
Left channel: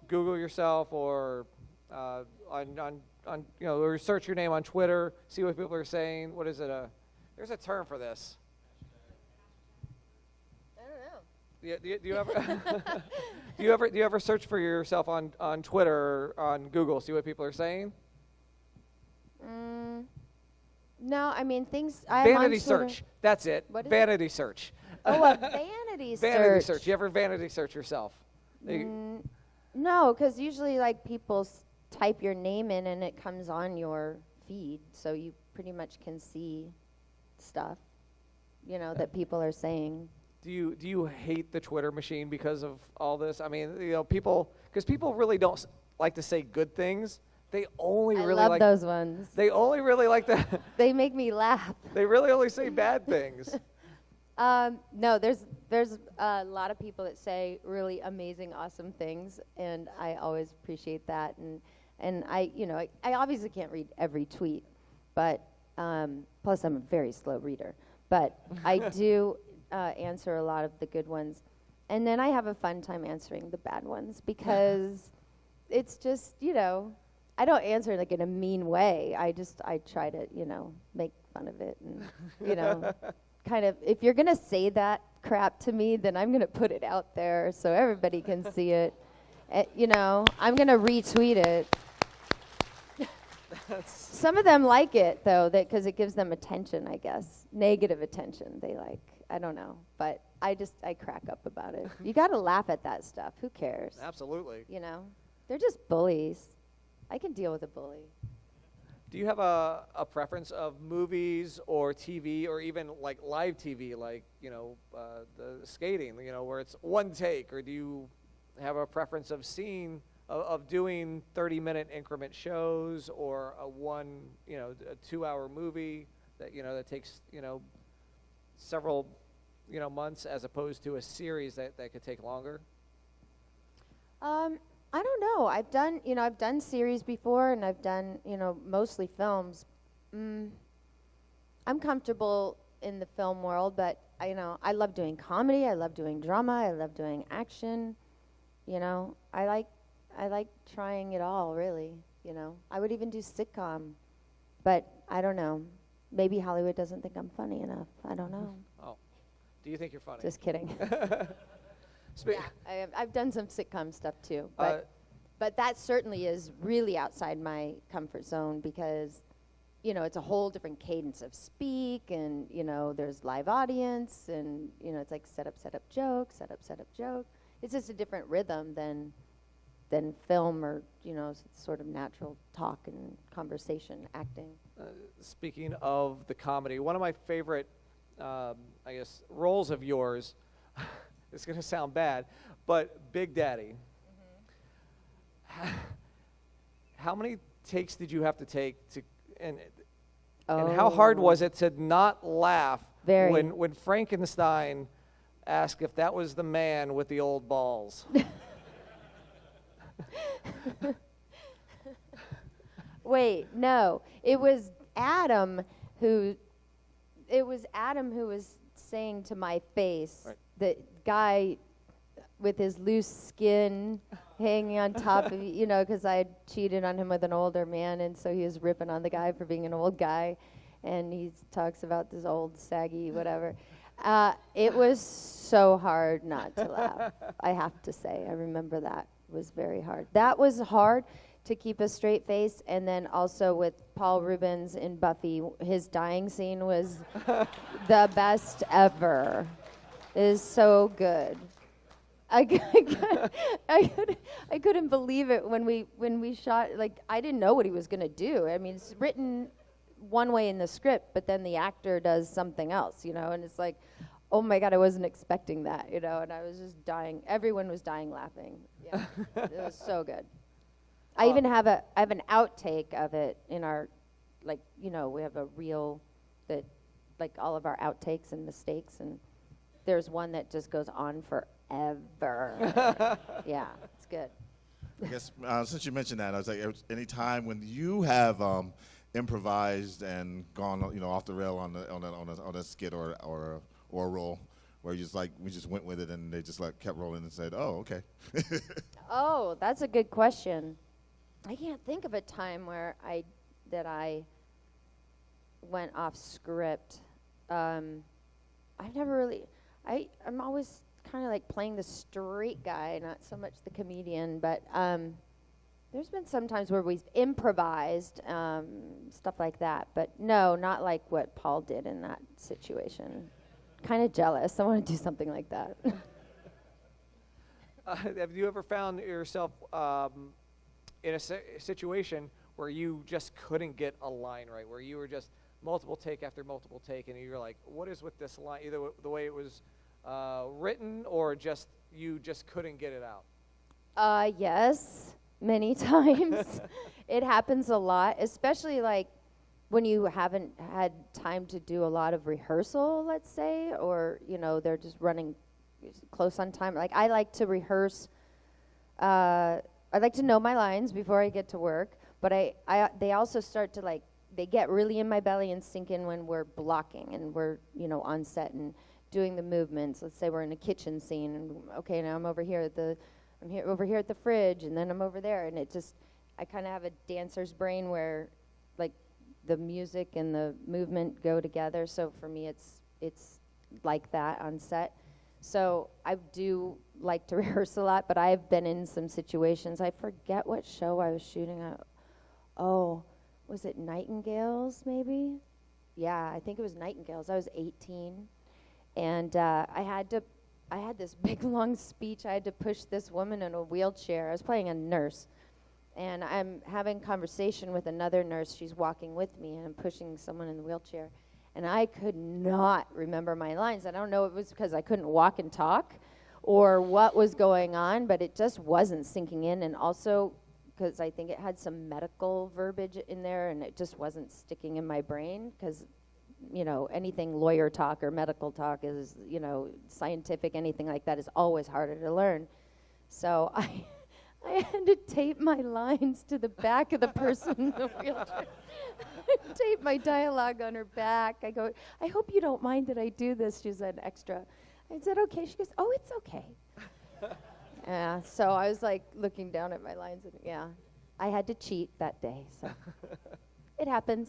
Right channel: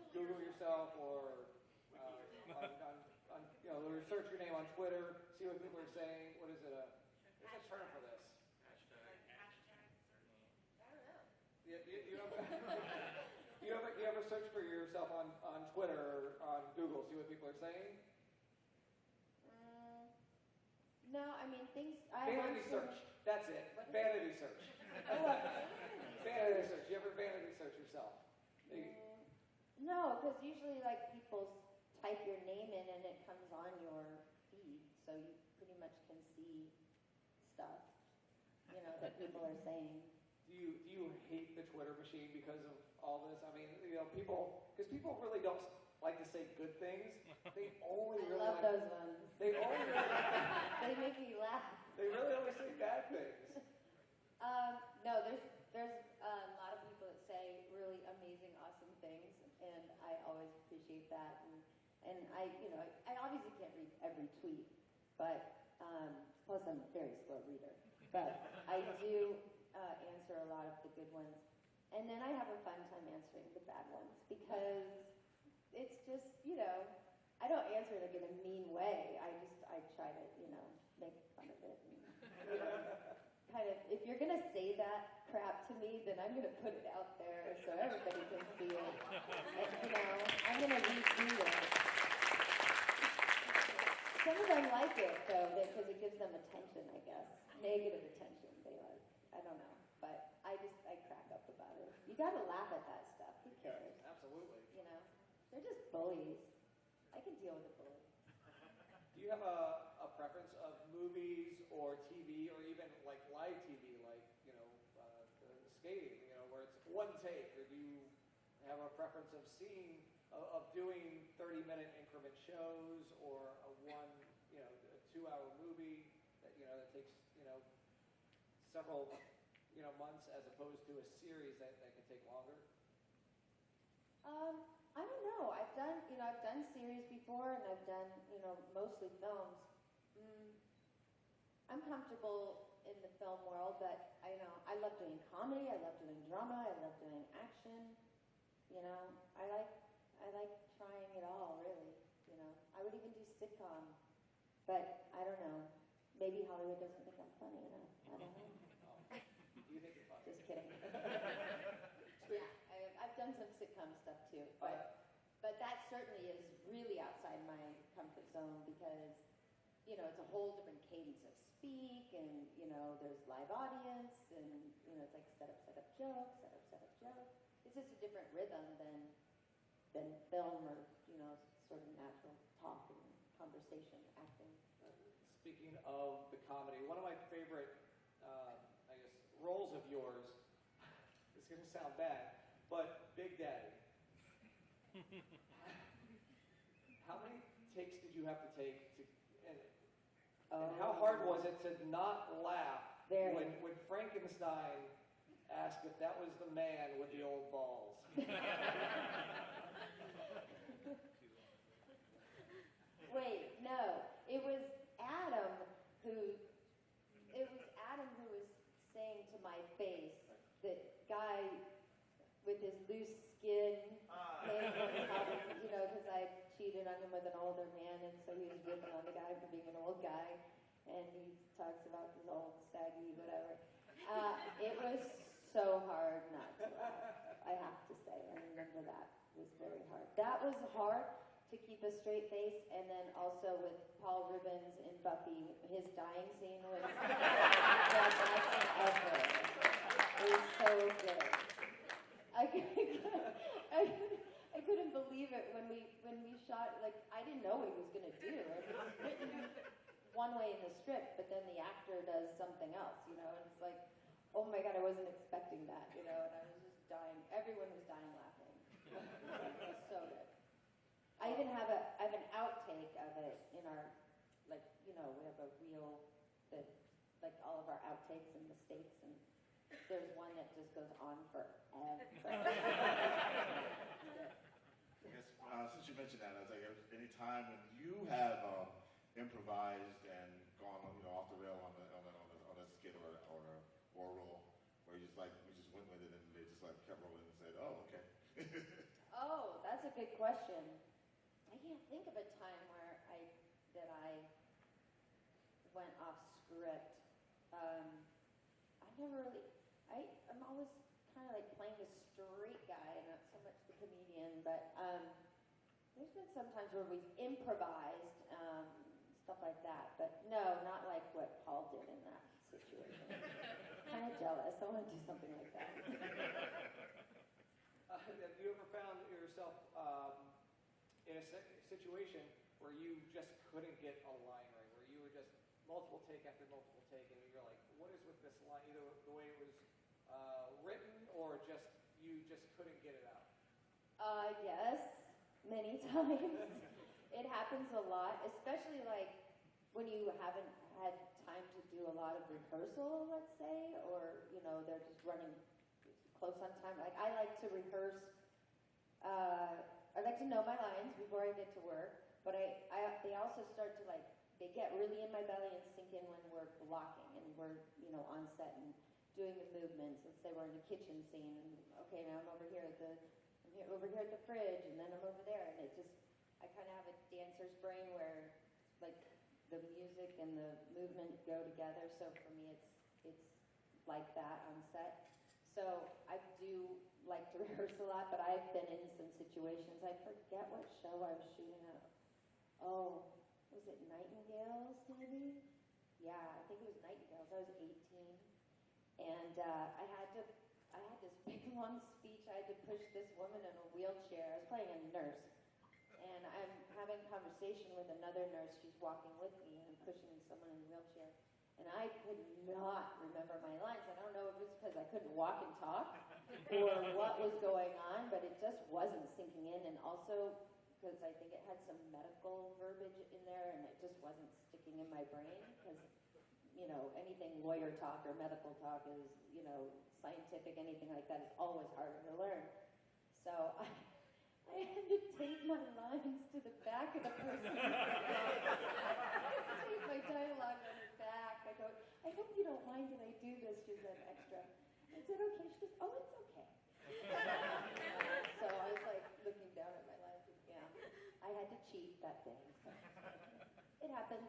Google yourself or on you know, or search your name on Twitter, see what people are saying? What is it? There's a term for this. I don't know. Yeah, do you ever do you ever search for yourself on Twitter or on Google, see what people are saying? No, I mean things. I'm Vanity on Twitter. search. That's it. What is Vanity search. Oh, a vanity search. Vanity search. You ever vanity search yourself? No, because usually like people type your name in and it comes on your feed, so you pretty much can see stuff, you know, that people are saying. Do you hate the Twitter machine because of all this? I mean, you know, because people really don't like to say good things. They only I really love like those ones. They only really like the. They make me laugh. They really only say bad things. No, there's a lot of people that say really amazing, awesome things, and I always appreciate that. And I, you know, I obviously can't read every tweet, but plus I'm a very slow reader. But I do answer a lot of the good ones, and then I have a fun time answering the bad ones because it's just, you know, I don't answer like in a mean way. I try to, you know, make fun of it and, you know. Kind of, if you're gonna say that crap to me, then I'm gonna put it out there so everybody can see it. You know, I'm gonna retweet it. Some of them like it though, because it gives them attention, I guess. Negative attention, they like. I don't know, but I crack up about it. You gotta laugh at that stuff. Who cares? Absolutely. You know, they're just bullies. I can deal with a bully. Do you have a preference of movies or TV or even like live TV, like, you know, the skating, you know, where it's one take, or do you have a preference of doing 30-minute increment shows or a 2-hour movie that, you know, that takes, you know, several, you know, months as opposed to a series that could take longer? I don't know. I've done series before, and I've done, you know, mostly films. I'm comfortable in the film world, but I love doing comedy. I love doing drama. I love doing action. You know, I like trying it all, really. You know, I would even do sitcom, but I don't know. Maybe Hollywood doesn't think I'm funny enough. I don't know. Oh, do you think you're funny? Just kidding. Yeah, I've done some sitcom stuff too, but that certainly is really outside my comfort zone because, you know, it's a whole different cadence of speak, and, you know, there's live audience, and, you know, it's like set up, joke, set up, joke. It's just a different rhythm than film or, you know, sort of natural talk and conversation acting. Speaking of the comedy, one of my favorite, I guess, roles of yours. It's going to sound bad, but Big Daddy. Mm-hmm. How many takes did you have to take and how hard was it to not laugh when Frankenstein asked if that was the man with the old balls? Wait, no. It was Adam who was saying to my face, right. that guy with his loose skin hanging on top of, you know, because I had cheated on him with an older man, and so he was ripping on the guy for being an old guy, and he talks about this old saggy whatever. It was so hard not to laugh, I have to say. I remember that was very hard. That was hard to keep a straight face, and then also with Paul Reubens in Buffy, his dying scene was the best ever. It is so good. I couldn't believe it when we shot. Like, I didn't know what he was gonna do. I mean, it's written one way in the script, but then the actor does something else, you know. And it's like, oh my God, I wasn't expecting that, you know. And I was just dying. Everyone was dying laughing. Yeah, it was so good. I even have an outtake of it in our, like, you know, we have a reel that, like, all of our outtakes and mistakes, and there's one that just goes on forever. Yeah, it's good. I guess since you mentioned that, I was like, any time when you have improvised and gone, you know, off the rail on a skit or a role, where you just like we just went with it and they just like kept rolling and said, oh, okay. Oh, that's a good question. I can't think of a time where I went off script. I've never really. I'm always kind of like playing the straight guy, not so much the comedian. But there's been some times where we've improvised stuff like that. But no, not like what Paul did in that situation. Kind of jealous. I want to do something like that. Have you ever found yourself in a situation where you just couldn't get a line right, where you were just multiple take after multiple take, and you're like, what is with this line, either the way it was written or just you just couldn't get it out? Yes, many times. It happens a lot, especially like when you haven't had time to do a lot of rehearsal, let's say, or, you know, they're just running close on time. Like, I like to rehearse. I like to know my lines before I get to work, but they also start to, like, they get really in my belly and sink in when we're blocking and we're, you know, on set and doing the movements. Let's say we're in a kitchen scene, and okay, now I'm over here at the fridge, and then I'm over there, and it just, I kind of have a dancer's brain where, like, the music and the movement go together. So for me, it's like that on set. So I do like to rehearse a lot, but I've been in some situations. I forget what show I was shooting at. Oh, was it Nightingales, maybe? Yeah, I think it was Nightingales. I was 18, and I had this big, long speech. I had to push this woman in a wheelchair. I was playing a nurse, and I'm having conversation with another nurse. She's walking with me, and I'm pushing someone in the wheelchair. And I could not remember my lines. I don't know if it was because I couldn't walk and talk or what was going on, but it just wasn't sinking in. And also because I think it had some medical verbiage in there, and it just wasn't sticking in my brain because, you know, anything lawyer talk or medical talk is, you know, scientific, anything like that is always harder to learn. So I had to tape my lines to the back of the person in the wheelchair. Tape my dialogue on her back. I go, I hope you don't mind that I do this. She said, extra. I said, okay. She goes, oh, it's okay. Yeah, so I was like looking down at my lines, and yeah, I had to cheat that day, so it happens.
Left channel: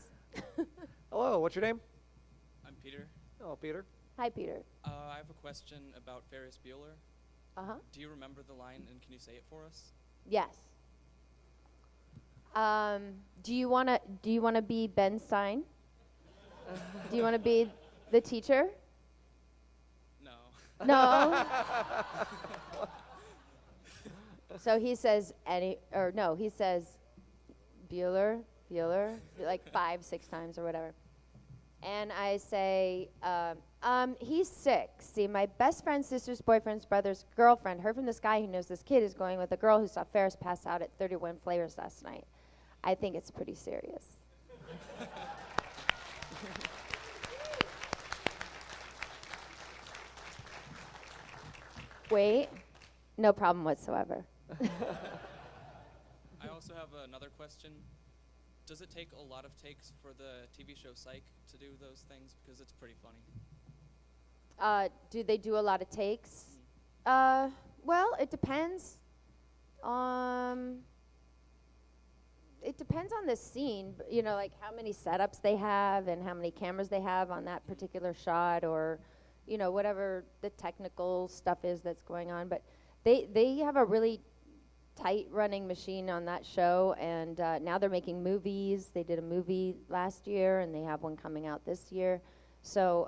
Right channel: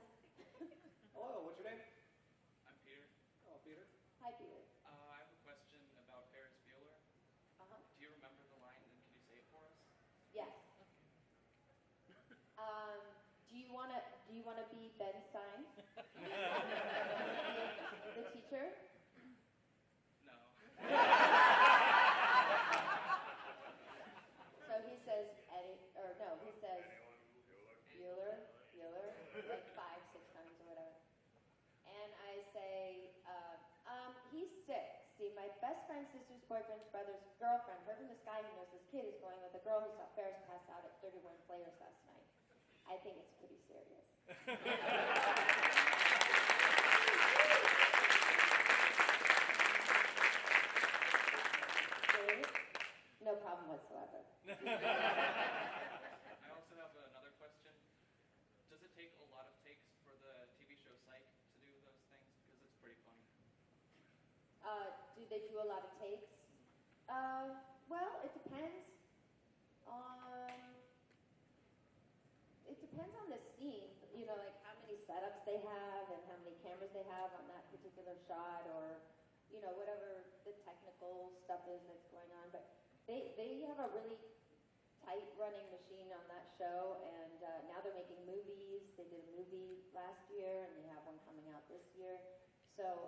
Hello, what's your name? I'm Peter. Oh, Peter. Hi, Peter. I have a question about Ferris Bueller. Uh-huh. Do you remember the line, and can you say it for us? Yes. Do you wanna be Ben Stein? Do you wanna be the teacher? No. No. So he says he says Bueller, like 5-6 times or whatever. And I say, he's sick. See, my best friend's sister's boyfriend's brother's girlfriend heard from this guy who knows this kid is going with a girl who saw Ferris pass out at 31 Flavors last night. I think it's pretty serious. Wait, no problem whatsoever. I also have another question. Does it take a lot of takes for the TV show Psych to do those things? Because it's pretty funny. Do they do a lot of takes? Well, it depends. It depends on the scene, you know, like how many setups they have and how many cameras they have on that particular shot, or, you know, whatever the technical stuff is that's going on. But they have a really tight running machine on that show, and now they're making movies. They did a movie last year, and they have one coming out this year. So,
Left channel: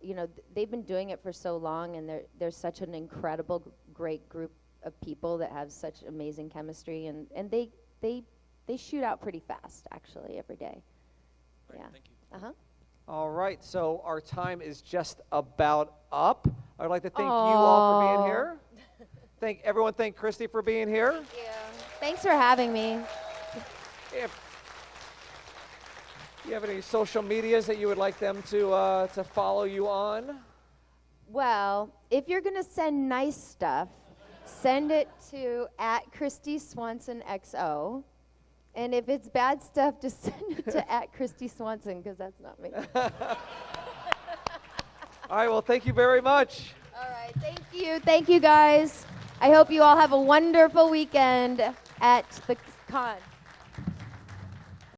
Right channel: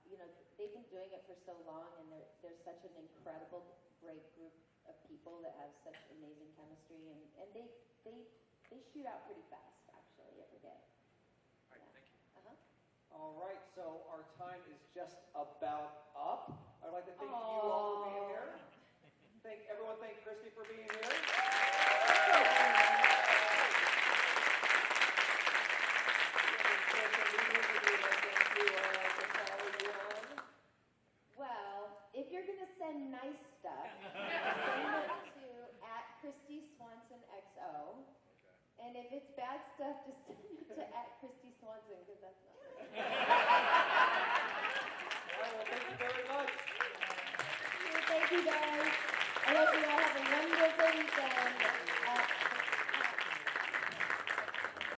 you know, they've been doing it for so long, and they're such an incredible, great group of people that have such amazing chemistry, and they shoot out pretty fast, actually, every day. Great, Yeah. thank you. Uh-huh. All right, so our time is just about up. I'd like to thank you all for being here. Thank Kristy for being here. Thanks for having me. Do you have any social medias that you would like them to follow you on? Well, if you're going to send nice stuff, send it to @Kristy Swanson XO. And if it's bad stuff, just send it to @Kristy Swanson, because that's not me. All right, well, thank you very much. All right, thank you. Thank you, guys. I hope you all have a wonderful weekend at the con.